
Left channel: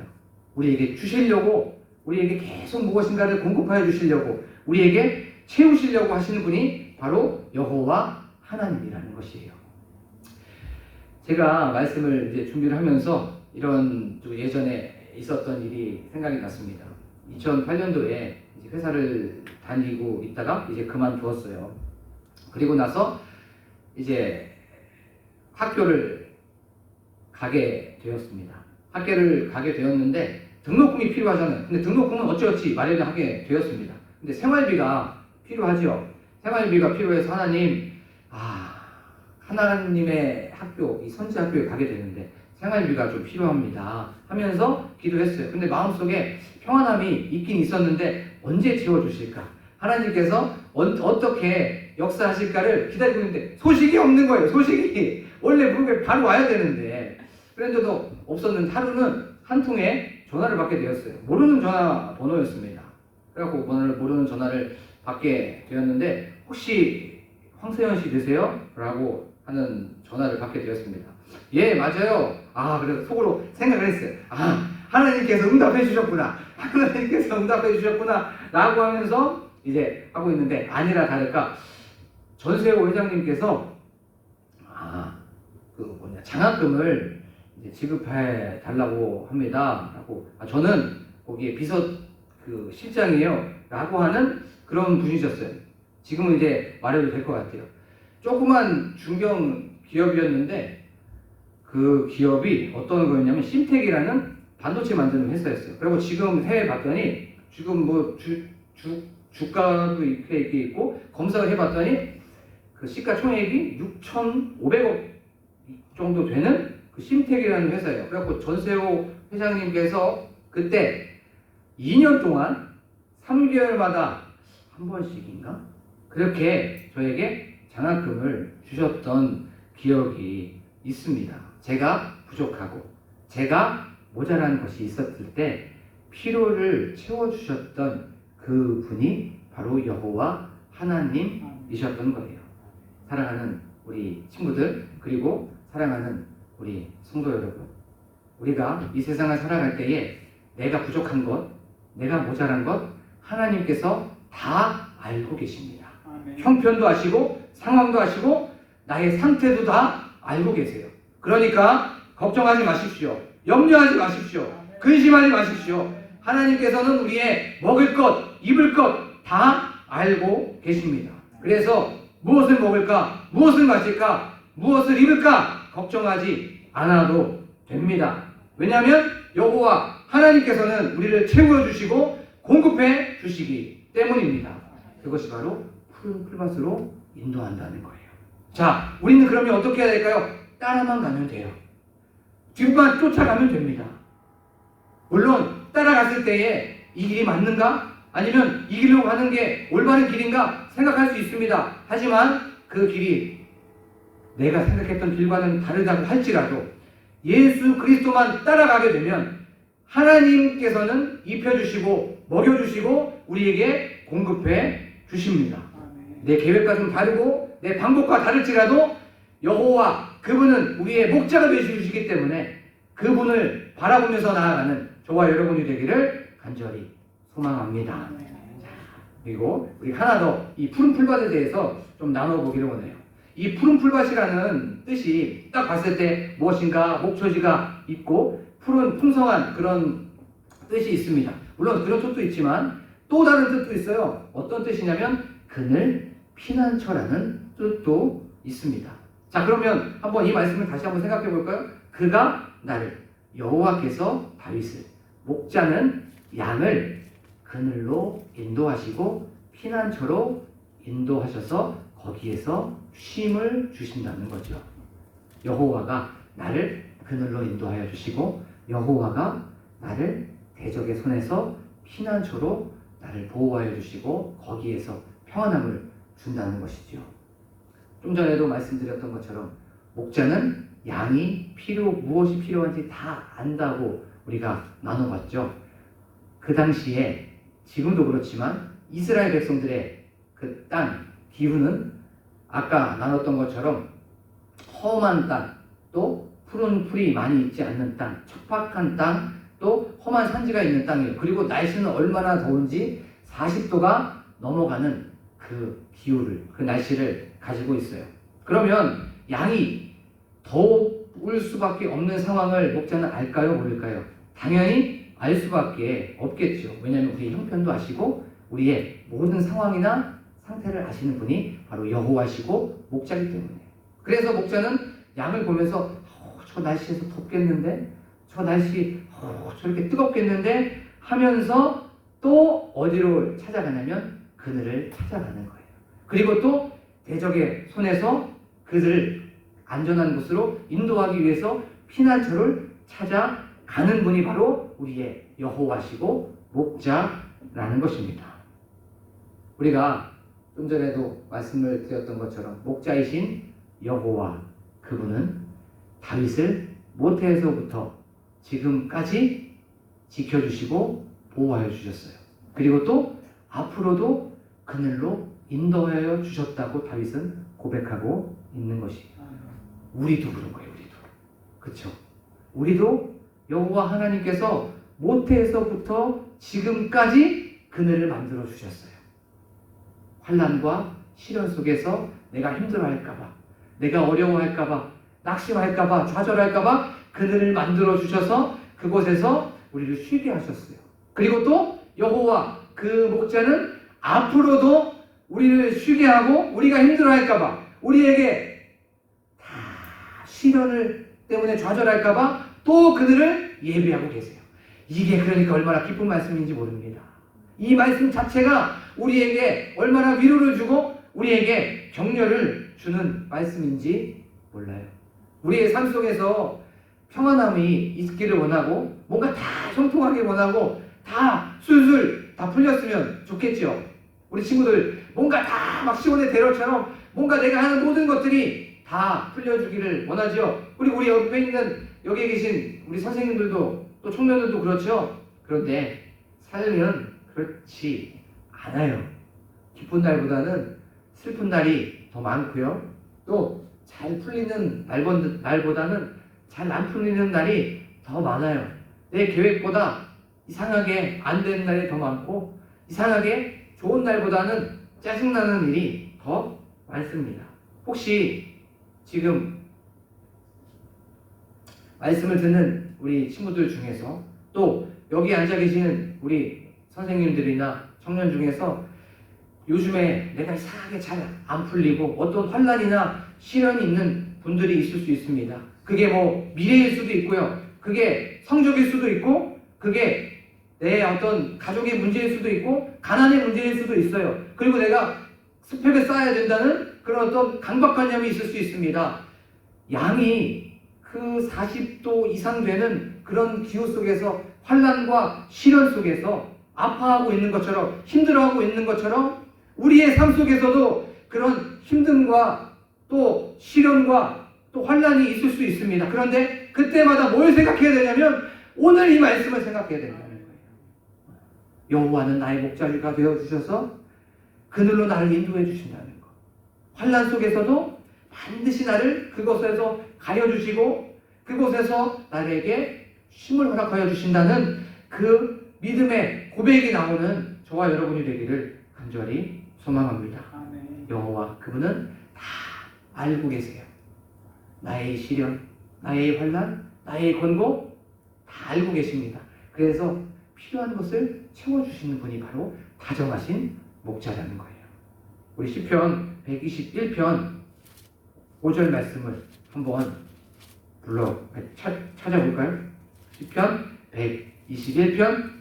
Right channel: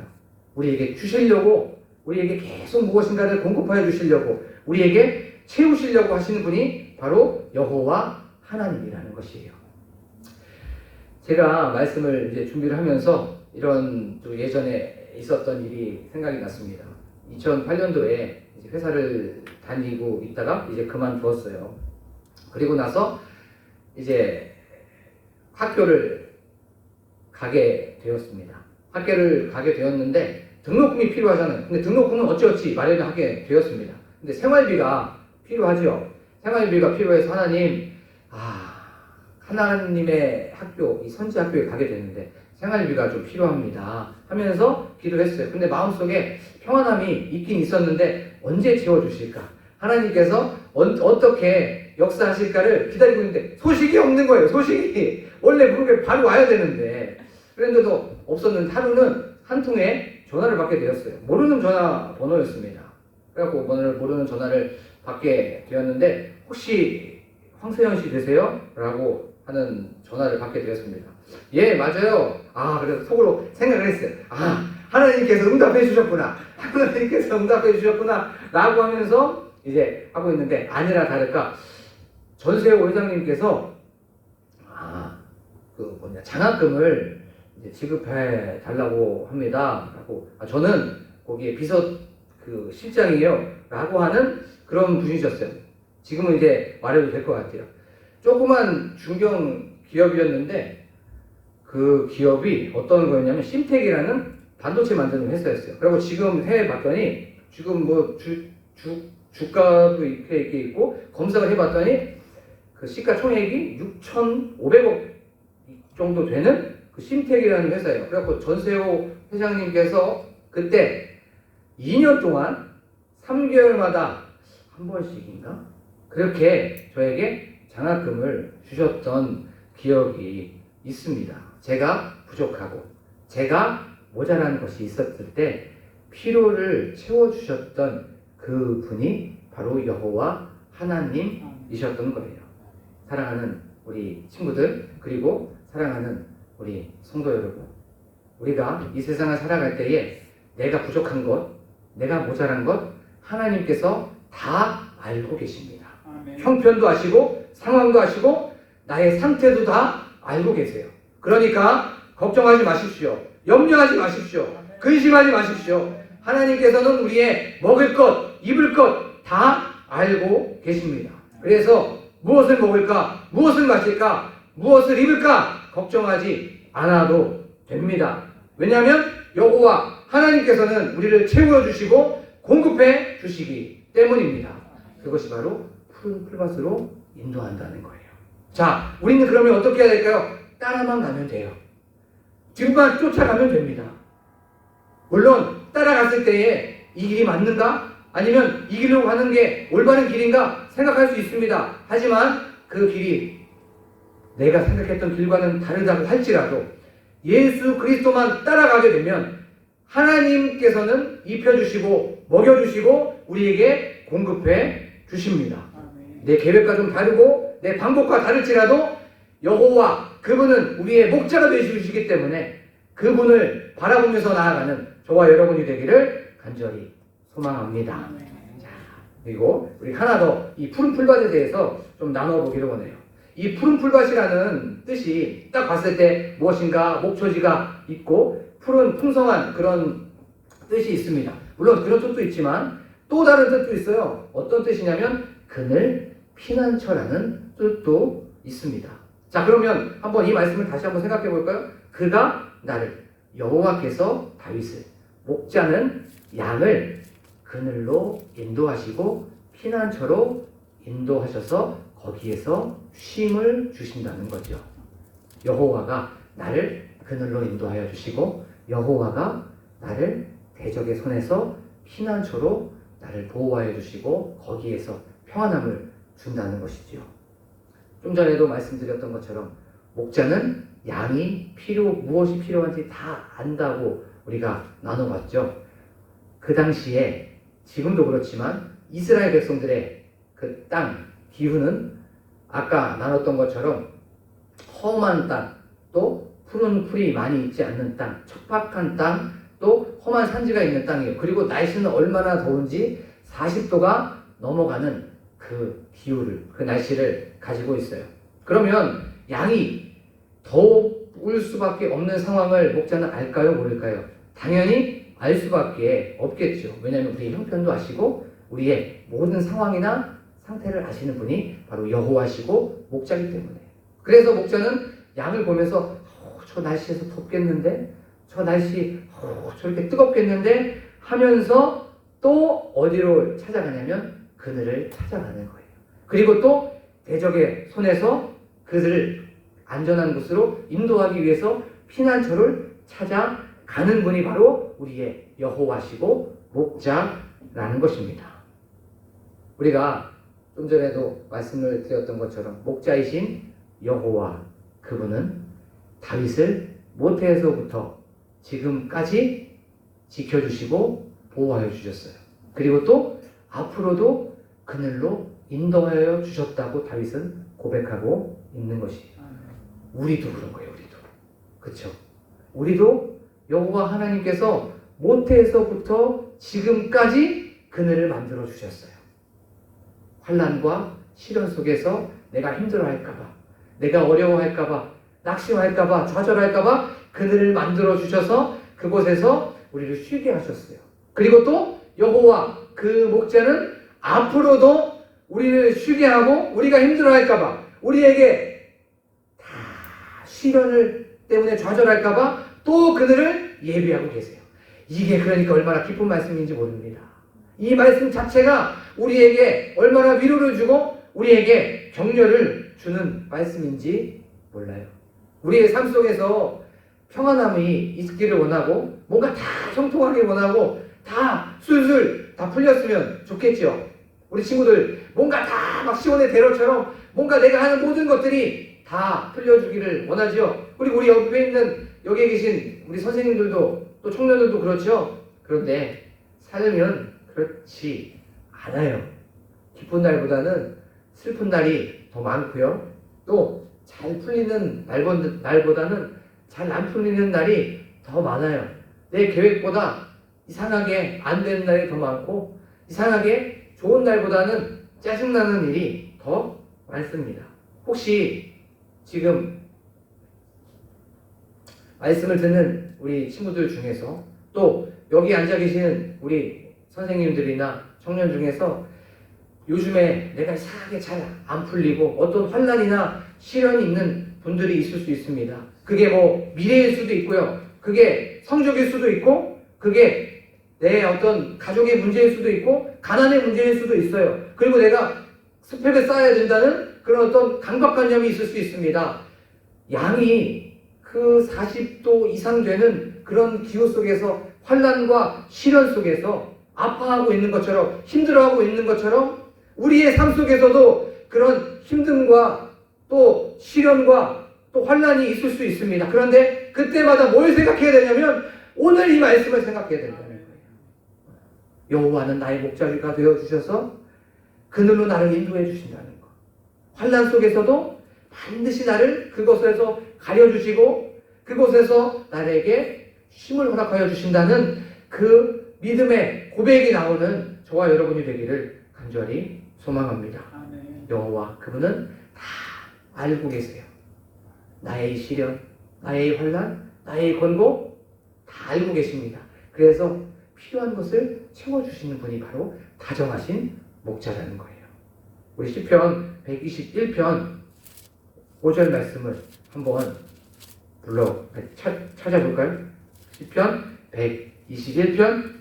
우리에게 주시려고, 우리에게 계속 무엇인가를 공급하여 주시려고, 우리에게 채우시려고 하시는 분이 바로 여호와 하나님이라는 것이에요. 제가 말씀을 이제 준비를 하면서 이런 또 예전에 있었던 일이 생각이 났습니다. 2008년도에 이제 회사를 다니고 있다가 이제 그만두었어요. 그리고 나서 이제 학교를 가게 되었습니다. 학교를 가게 되었는데 등록금이 필요하잖아요. 근데 등록금은 어찌어찌 마련하게 되었습니다. 근데 생활비가 필요하죠. 생활비가 필요해서 하나님의 학교, 이 선지 학교에 가게 됐는데 생활비가 좀 필요합니다 하면서 기도했어요. 근데 마음속에 평안함이 있긴 있었는데 언제 채워주실까? 하나님께서 어떻게 역사하실까를 기다리고 있는데 소식이 없는 거예요. 소식이 원래 그게 바로 와야 되는데 그런데도 없었는데 하루는 한 통에 전화를 받게 되었어요. 모르는 전화번호였습니다. 그래갖고 모르는 전화를 받게 되었는데 혹시 황세현 씨 되세요? 라고 하는 전화를 받게 되었습니다. 예, 맞아요. 그래서 속으로 생각을 했어요. 하나님께서 응답해 주셨구나. 하나님께서 응답해 주셨구나. 라고 하면서 이제 하고 있는데 아니나 다를까 전세호 회장님께서 장학금을 이제 지급해 달라고 합니다. 라고 저는 거기에 비서 실장이에요. 라고 하는 그런 분이셨어요. 지금은 이제 말해도 될 것 같아요. 조그만 중견 기업이었는데 그 기업이 어떤 거였냐면 심텍이라는 반도체 만드는 회사였어요. 그리고 지금 해외 봤더니 지금 뭐 주가도 이렇게 있고 검색을 해봤더니 그 시가총액이 6,500억 정도 되는 그 심텍이라는 회사예요. 그래갖고 전세호 회장님께서 그때 2년 동안 3개월마다 한 번씩인가 그렇게 저에게 장학금을 주셨던 기억이 있습니다. 제가 부족하고 제가 모자란 것이 있었을 때 필요를 채워주셨던 그 분이 바로 여호와 하나님이셨던 거예요. 사랑하는 우리 친구들 그리고 사랑하는 우리 성도 여러분, 우리가 이 세상을 살아갈 때에 내가 부족한 것, 내가 모자란 것 하나님께서 다 알고 계십니다. 아멘. 형편도 아시고 상황도 아시고 나의 상태도 다 알고 계세요. 그러니까 걱정하지 마십시오. 염려하지 마십시오. 근심하지 마십시오. 하나님께서는 우리의 먹을 것, 입을 것 다 알고 계십니다. 그래서 무엇을 먹을까, 무엇을 마실까, 무엇을 입을까 걱정하지 않아도 됩니다. 왜냐하면 여호와 하나님께서는 우리를 채워주시고 공급해 주시기 때문입니다. 그것이 바로 푸른 풀밭으로 인도한다는 거예요. 자, 우리는 그러면 어떻게 해야 될까요? 따라만 가면 돼요. 뒤만 쫓아가면 됩니다. 물론 따라갔을 때에 이 길이 맞는가? 아니면 이 길로 가는 게 올바른 길인가 생각할 수 있습니다. 하지만 그 길이 내가 생각했던 길과는 다르다고 할지라도 예수 그리스도만 따라가게 되면 하나님께서는 입혀주시고 먹여주시고 우리에게 공급해 주십니다. 내 계획과 좀 다르고 내 방법과 다를지라도 여호와 그분은 우리의 목자가 되시기 때문에 그분을 바라보면서 나아가는 저와 여러분이 되기를 간절히 소망합니다. 그리고 우리 하나 더 이 푸른 풀밭에 대해서 좀 나눠보기로 하네요. 이 푸른 풀밭이라는 뜻이 딱 봤을 때 무엇인가 목초지가 있고 푸른 풍성한 그런 뜻이 있습니다. 물론 그런 뜻도 있지만 또 다른 뜻도 있어요. 어떤 뜻이냐면 그늘 피난처라는 뜻도 있습니다. 자, 그러면 한번 이 말씀을 다시 한번 생각해 볼까요? 그가 나를 여호와께서 다윗을 목자는 양을 그늘로 인도하시고 피난처로 인도하셔서 거기에서 쉼을 주신다는 거죠. 여호와가 나를 그늘로 인도하여 주시고 여호와가 나를 대적의 손에서 피난처로 나를 보호하여 주시고 거기에서 평안함을 준다는 것이죠. 좀 전에도 말씀드렸던 것처럼 목자는 양이 무엇이 필요한지 다 안다고 우리가 나눠봤죠. 그 당시에 지금도 그렇지만 이스라엘 백성들의 그 땅 기후는 아까 나눴던 것처럼 험한 땅, 또 푸른 풀이 많이 있지 않는 땅, 척박한 땅, 또 험한 산지가 있는 땅이에요. 그리고 날씨는 얼마나 더운지 40도가 넘어가는 그 기후를, 그 날씨를 가지고 있어요. 그러면 양이 더울 수밖에 없는 상황을 목자는 알까요? 모를까요? 당연히 알 수밖에 없겠죠. 왜냐하면 우리의 형편도 아시고 우리의 모든 상황이나 상태를 아시는 분이 바로 여호와시고 목자이기 때문에. 그래서 목자는 양을 보면서 저 날씨에서 덥겠는데, 저 날씨 저렇게 뜨겁겠는데 하면서 또 어디로 찾아가냐면 그늘을 찾아가는 거예요. 그리고 또 대적의 손에서 그들을 안전한 곳으로 인도하기 위해서 피난처를 찾아가는 분이 바로 우리의 여호와시고 목자라는 것입니다. 우리가 좀 전에도 말씀을 드렸던 것처럼 목자이신 여호와 그분은 다윗을 모태에서부터 지금까지 지켜주시고 보호하여 주셨어요. 그리고 또 앞으로도 그늘로 인도하여 주셨다고 다윗은 고백하고 있는 것이에요. 우리도 그런 거예요. 우리도. 그렇죠? 우리도 여호와 하나님께서 모태에서부터 지금까지 그늘을 만들어 주셨어요. 환난과 시련 속에서 내가 힘들어할까봐, 내가 어려워할까봐, 낙심할까봐, 좌절할까봐 그늘을 만들어 주셔서 그곳에서 우리를 쉬게 하셨어요. 그리고 또 여호와 그 목자는 앞으로도 우리를 쉬게 하고 우리가 힘들어할까봐, 우리에게 다 시련을 때문에 좌절할까봐 또 그들을 예비하고 계세요. 이게 그러니까 얼마나 기쁜 말씀인지 모릅니다. 이 말씀 자체가 우리에게 얼마나 위로를 주고 우리에게 격려를 주는 말씀인지 몰라요. 우리의 삶 속에서 평안함이 있기를 원하고 뭔가 다 형통하게 원하고 다 술술 다 풀렸으면 좋겠죠. 우리 친구들 뭔가 다 막 시온의 대로처럼 뭔가 내가 하는 모든 것들이 다 풀려주기를 원하죠. 그리고 우리 여기에 계신 우리 선생님들도 또 청년들도 그렇죠. 그런데 삶은 그렇지 않아요. 기쁜 날보다는 슬픈 날이 더 많고요. 또 잘 풀리는 날보다는 잘 안 풀리는 날이 더 많아요. 내 계획보다 이상하게 안 되는 날이 더 많고 이상하게 좋은 날보다는 짜증나는 일이 더 많습니다. 혹시 지금 말씀을 듣는 우리 친구들 중에서 또 여기 앉아 계시는 우리 선생님들이나 청년 중에서 요즘에 내가 이상하게 잘 안 풀리고 어떤 환난이나 시련이 있는 분들이 있을 수 있습니다. 그게 뭐 미래일 수도 있고요. 그게 성적일 수도 있고, 그게 내 어떤 가족의 문제일 수도 있고, 가난의 문제일 수도 있어요. 그리고 내가 스펙을 쌓아야 된다는 그런 어떤 강박관념이 있을 수 있습니다. 양이 그 40도 이상 되는 그런 기후 속에서, 환난과 시련 속에서 아파하고 있는 것처럼, 힘들어하고 있는 것처럼 우리의 삶 속에서도 그런 힘듦과 또 시련과 또 환난이 있을 수 있습니다. 그런데 그때마다 뭘 생각해야 되냐면 오늘 이 말씀을 생각해야 된다는 거예요. 여호와는 나의 목자가 되어주셔서 그늘로 나를 인도해 주신다는 거. 환난 속에서도 반드시 나를 그곳에서 가려주시고 그곳에서 나에게 쉼을 허락하여 주신다는 그 믿음의 고백이 나오는 저와 여러분이 되기를 간절히 소망합니다. 여호와 그분은 다 알고 계세요. 나의 시련, 나의 환난, 나의 권고 다 알고 계십니다. 그래서 필요한 것을 채워주시는 분이 바로 다정하신 목자라는 거예요. 우리 시편 121편 5절 말씀을 한번 찾아볼까요? 시편 121편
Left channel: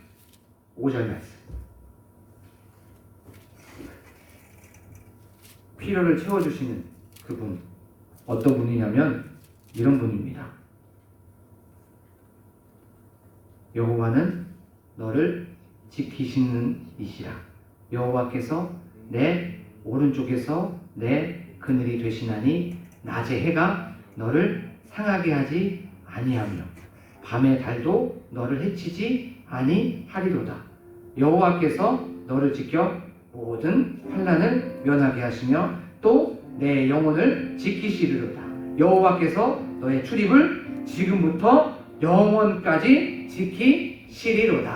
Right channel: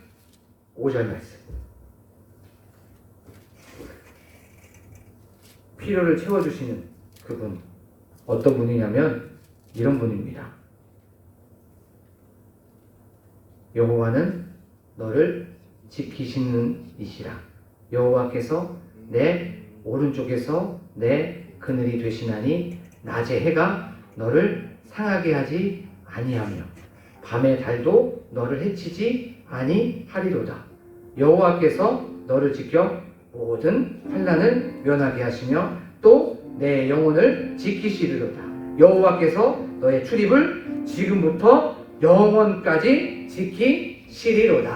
5절 말씀. 필요를 채워주시는 그분, 어떤 분이냐면 이런 분입니다. 여호와는 너를 지키시는 이시라. 여호와께서 내 오른쪽에서 내 그늘이 되시나니 낮의 해가 너를 상하게 하지 아니하며 밤의 달도 너를 해치지 아니하리로다. 여호와께서 너를 지켜 모든 환난을 면하게 하시며 또 내 영혼을 지키시리로다. 여호와께서 너의 출입을 지금부터 영원까지 지키시리로다.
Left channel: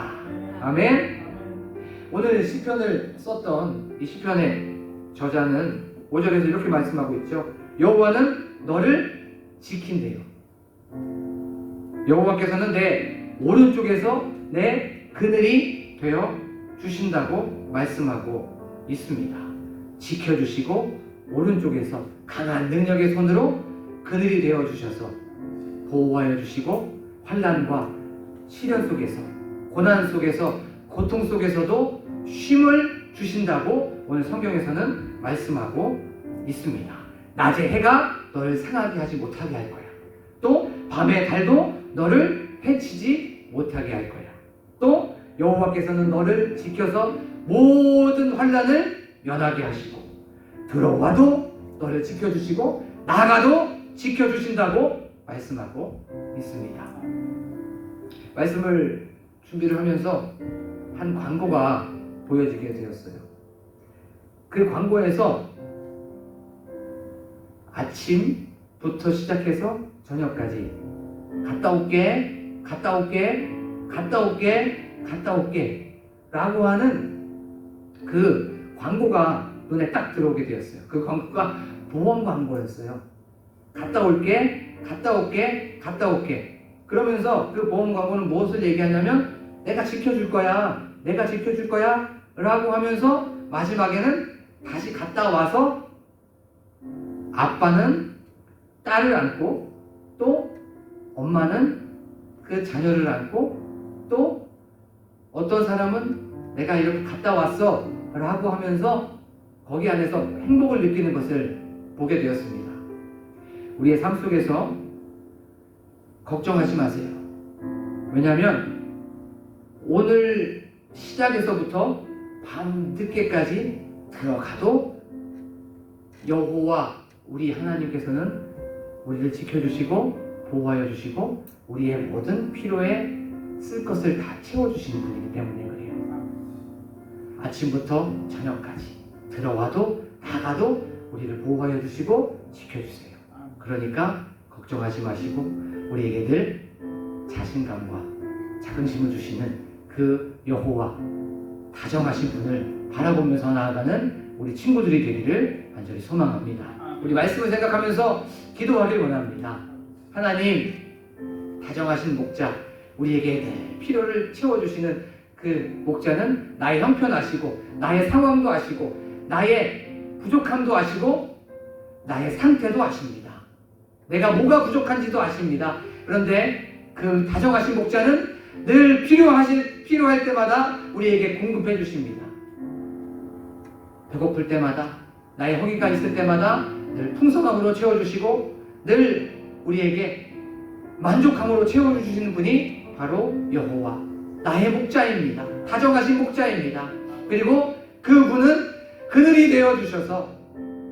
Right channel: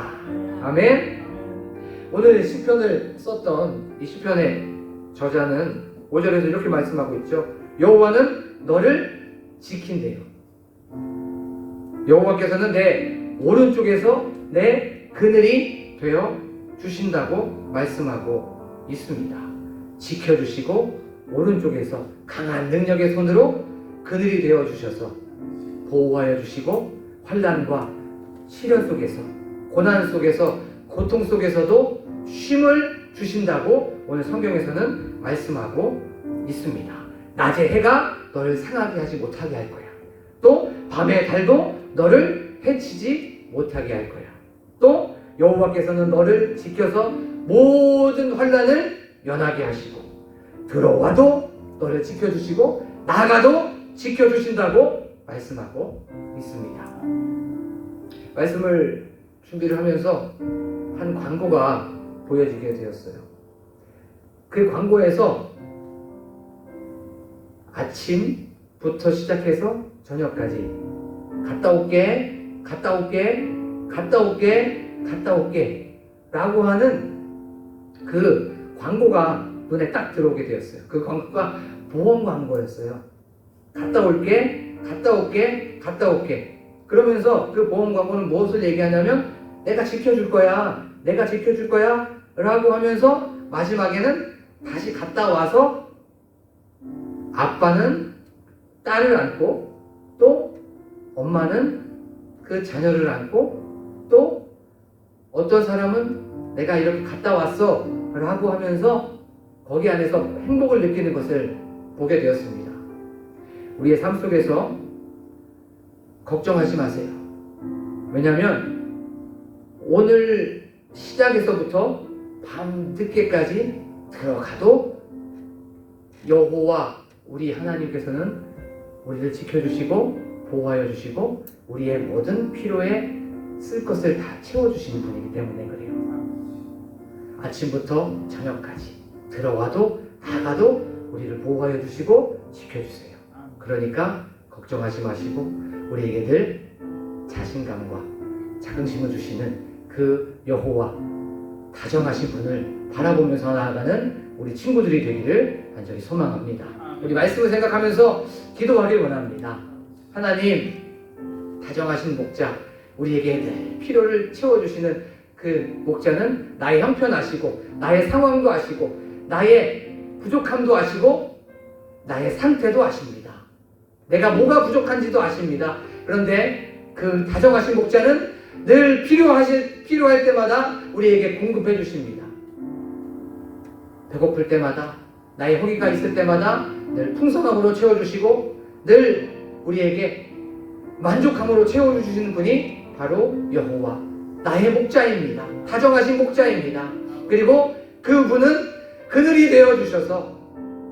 아멘. 오늘 시편을 썼던 이 시편의 저자는 5절에서 이렇게 말씀하고 있죠. 여호와는 너를 지킨대요. 여호와께서는 내 오른쪽에서 내 그늘이 되어 주신다고 말씀하고 있습니다. 지켜주시고 오른쪽에서 강한 능력의 손으로 그늘이 되어 주셔서 보호하여 주시고 환난과 시련 속에서, 고난 속에서, 고통 속에서도 쉼을 주신다고 오늘 성경에서는 말씀하고 있습니다. 낮의 해가 너를 상하게 하지 못하게 할 거야. 또 밤의 달도 너를 해치지 못하게 할 거야. 또 여호와께서는 너를 지켜서 모든 환난을 면하게 하시고 들어와도 너를 지켜주시고 나가도 지켜주신다고 말씀하고 있습니다. 말씀을 준비를 하면서 한 광고가 보여지게 되었어요. 그 광고에서 아침부터 시작해서 저녁까지 갔다 올게, 갔다 올게, 갔다 올게, 갔다 올게 라고 하는 그 광고가 눈에 딱 들어오게 되었어요. 그 광고가 보험 광고였어요. 갔다 올게, 갔다 올게, 갔다 올게. 그러면서 그 보험 광고는 무엇을 얘기하냐면 내가 지켜줄 거야, 내가 지켜줄 거야 라고 하면서 마지막에는 다시 갔다 와서 아빠는 딸을 안고 또 엄마는 그 자녀를 안고 또 어떤 사람은 내가 이렇게 갔다 왔어 라고 하면서 거기 안에서 행복을 느끼는 것을 보게 되었습니다. 우리의 삶 속에서 걱정하지 마세요. 왜냐하면 오늘 시작에서부터 밤 늦게까지 들어가도 여호와 우리 하나님께서는 우리를 지켜주시고 보호하여 주시고 우리의 모든 필요에 쓸 것을 다 채워주시는 분이기 때문에 그래요. 아침부터 저녁까지 들어와도 나가도 우리를 보호하여 주시고 지켜주세요. 그러니까 걱정하지 마시고 우리에게 늘 자신감과 자긍심을 주시는 그 여호와 다정하신 분을 바라보면서 나아가는 우리 친구들이 되기를 간절히 소망합니다. 우리 말씀을 생각하면서 기도하길 원합니다. 하나님, 다정하신 목자, 우리에게 늘 필요를 채워주시는 그 목자는 나의 형편 아시고 나의 상황도 아시고 나의 부족함도 아시고 나의 상태도 아십니다. 내가 뭐가 부족한지도 아십니다. 그런데 그 다정하신 목자는 늘 필요할 때마다 우리에게 공급해 주십니다. 배고플 때마다, 나의 허기가 있을 때마다 늘 풍성함으로 채워주시고 늘 우리에게 만족함으로 채워주시는 분이 바로 여호와 나의 목자입니다. 다정하신 목자입니다. 그리고 그분은 그늘이 되어주셔서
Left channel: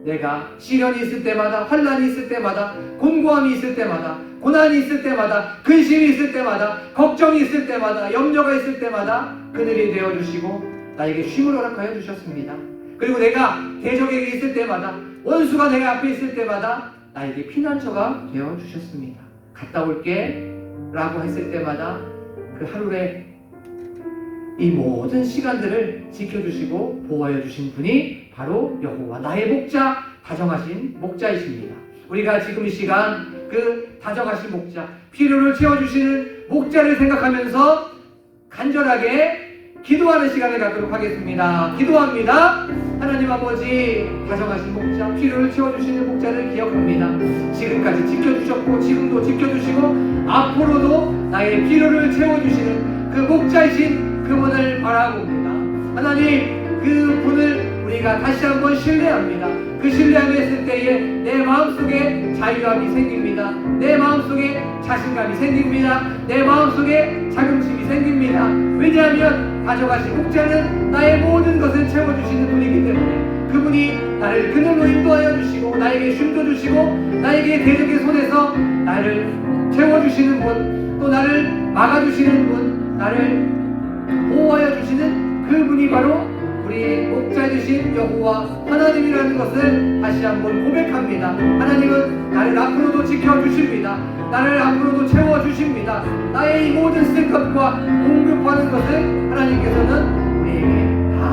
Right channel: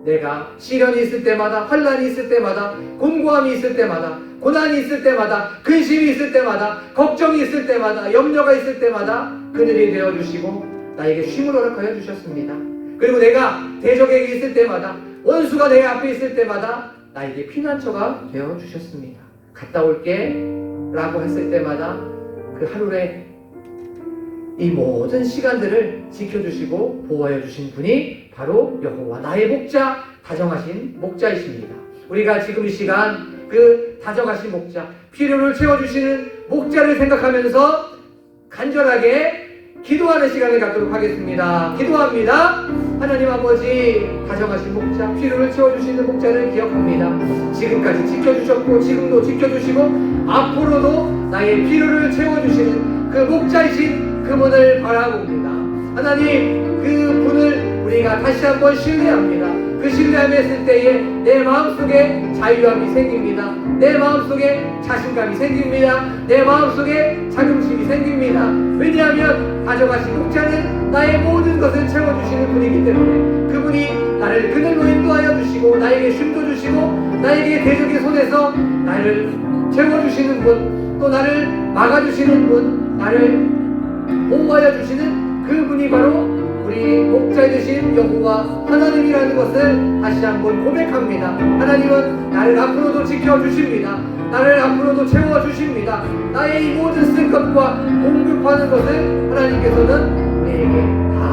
내가 시련이 있을 때마다, 환난이 있을 때마다, 곤고함이 있을 때마다, 고난이 있을 때마다, 근심이 있을 때마다, 걱정이 있을 때마다, 염려가 있을 때마다 그늘이 되어주시고 나에게 쉼을 허락하여 주셨습니다. 그리고 내가 대적에게 있을 때마다, 원수가 내 앞에 있을 때마다 나에게 피난처가 되어주셨습니다. 갔다 올게 라고 했을 때마다 그 하루에 이 모든 시간들을 지켜주시고 보호해 주신 분이 바로 여호와 나의 목자, 다정하신 목자이십니다. 우리가 지금 이 시간 그 다정하신 목자, 필요를 채워주시는 목자를 생각하면서 간절하게 기도하는 시간을 갖도록 하겠습니다. 기도합니다. 하나님 아버지, 다정하신 목자, 필요를 채워주시는 목자를 기억합니다. 지금까지 지켜주셨고 지금도 지켜주시고 앞으로도 나의 필요를 채워주시는 그 목자이신 그분을 바라봅니다. 하나님, 그분을 우리가 다시 한번 신뢰합니다. 그 신뢰함을 했을 때에 내 마음속에 자유함이 생깁니다. 내 마음속에 자신감이 생깁니다. 내 마음속에 자긍심이 생깁니다. 왜냐하면 다정하신 목자는 나의 모든 것을 채워주시는 분이기 때문에 그분이 나를 그늘로 인도하여 주시고 나에게 쉼도 주시고 나에게 대적의 손에서 나를 채워주시는 분, 또 나를 막아주시는 분, 나를 보호하여 주시는 그분이 바로 우리 목자 되신 여호와 하나님이라는 것을 다시 한번 고백합니다. 하나님은 나를 앞으로도 지켜주십니다. 나를 앞으로도 채워주십니다. 나의 이 모든 쓸 것과 공급하는 것을 하나님께서는 우리에게 다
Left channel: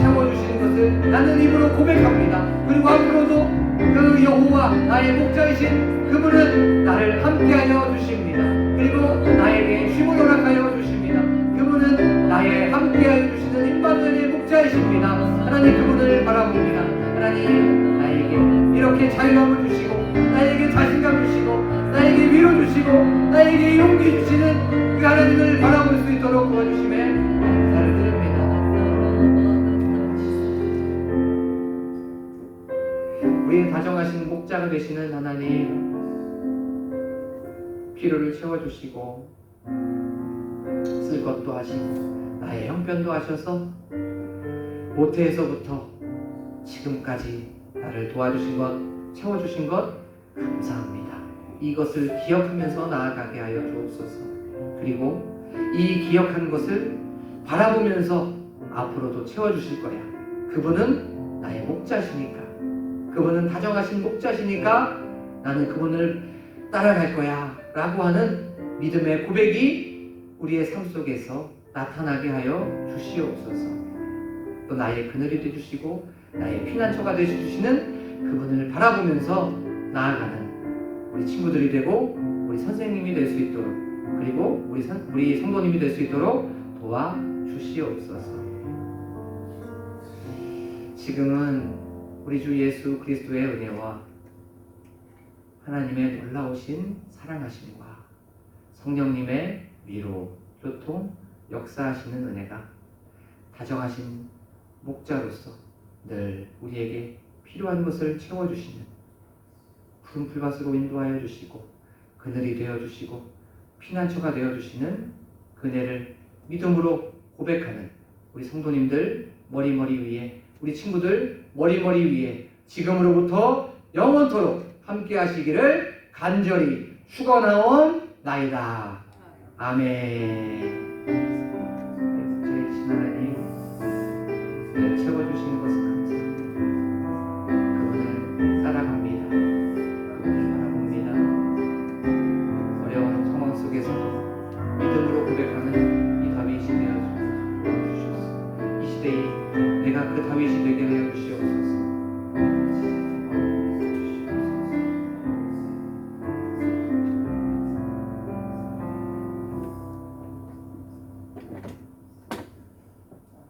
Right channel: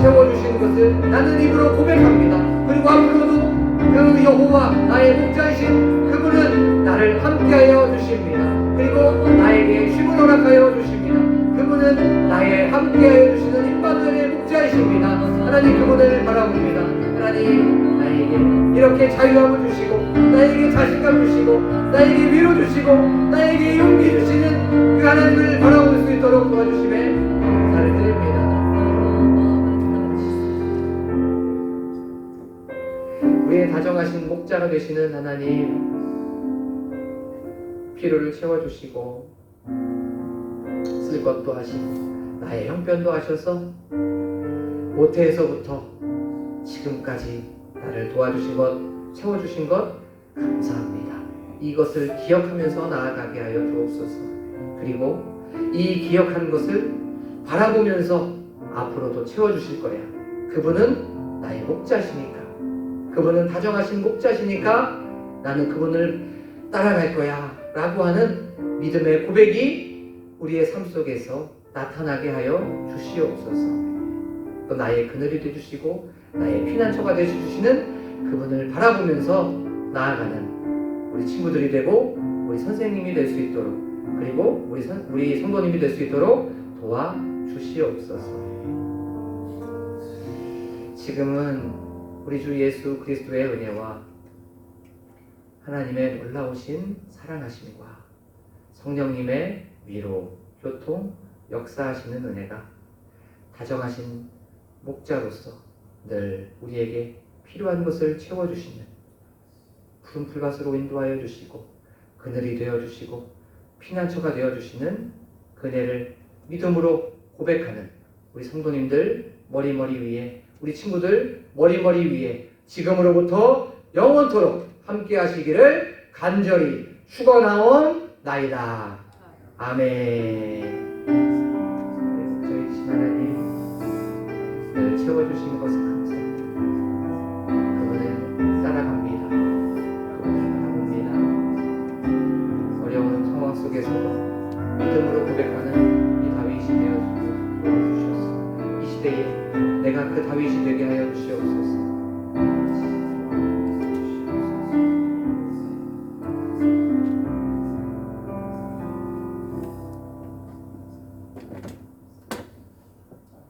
채워주시는 것을 나는 입으로 고백합니다. 그리고 앞으로도 그 여호와 나의 목자이신 그분은 나를 함께하여 주십니다. 그리고 나에게 쉼을 허락하여 주십니다. 그분은 나의 함께하여 주시는 임마누엘의 목자이십니다. 하나님, 그분을 바라봅니다. 하나님, 나에게 이렇게 자유함을 주시고 나에게 자신감 주시고 나에게 위로 주시고 나에게 용기 주시는 그 하나님을 바라볼 수 있도록 도와주심에 감사를 드립니다. 우리의 다정하신 목자가 되시는 하나님, 필요를 채워주시고 쓸 것도 하시고 나의 형편도 하셔서 모태에서부터 지금까지 나를 도와주신 것, 채워주신 것 감사합니다. 이것을 기억하면서 나아가게 하여 주옵소서. 그리고 이 기억한 것을 바라보면서 앞으로도 채워주실 거야. 그분은 나의 목자시니까, 그분은 다정하신 목자시니까 나는 그분을 따라갈 거야 라고 하는 믿음의 고백이 우리의 삶 속에서 나타나게 하여 주시옵소서. 또 나의 그늘이 되주시고 나의 피난처가 되주시는 그분을 바라보면서 나아가는 우리 친구들이 되고 우리 선생님이 될 수 있도록, 그리고 우리 성도님이 될 수 있도록 도와주시옵소서. 지금은 우리 주 예수 그리스도의 은혜와 하나님의 놀라우신 사랑하심과 성령님의 위로, 교통, 역사하시는 은혜가 다정하신 목자로서 늘 우리에게 필요한 것을 채워주시는 푸른 풀밭으로 인도하여 주시고 그늘이 되어주시고 피난처가 되어주시는 그네를 믿음으로 고백하는 우리 성도님들 머리머리 위에, 우리 친구들 머리머리 위에 지금으로부터 영원토록 함께 하시기를 간절히 축원하옵나이다. 아멘. 저희 하나님, 늘 채워주시는 것을 감사합니다. 그분을 따라갑니다. 그분을 바라봅니다. 어려운 상황 속에서도 믿음으로 고백하는 이 다윗이 되어 주셔서 이 시대에 내가 그 다윗이 되게 하여 주시옵소서.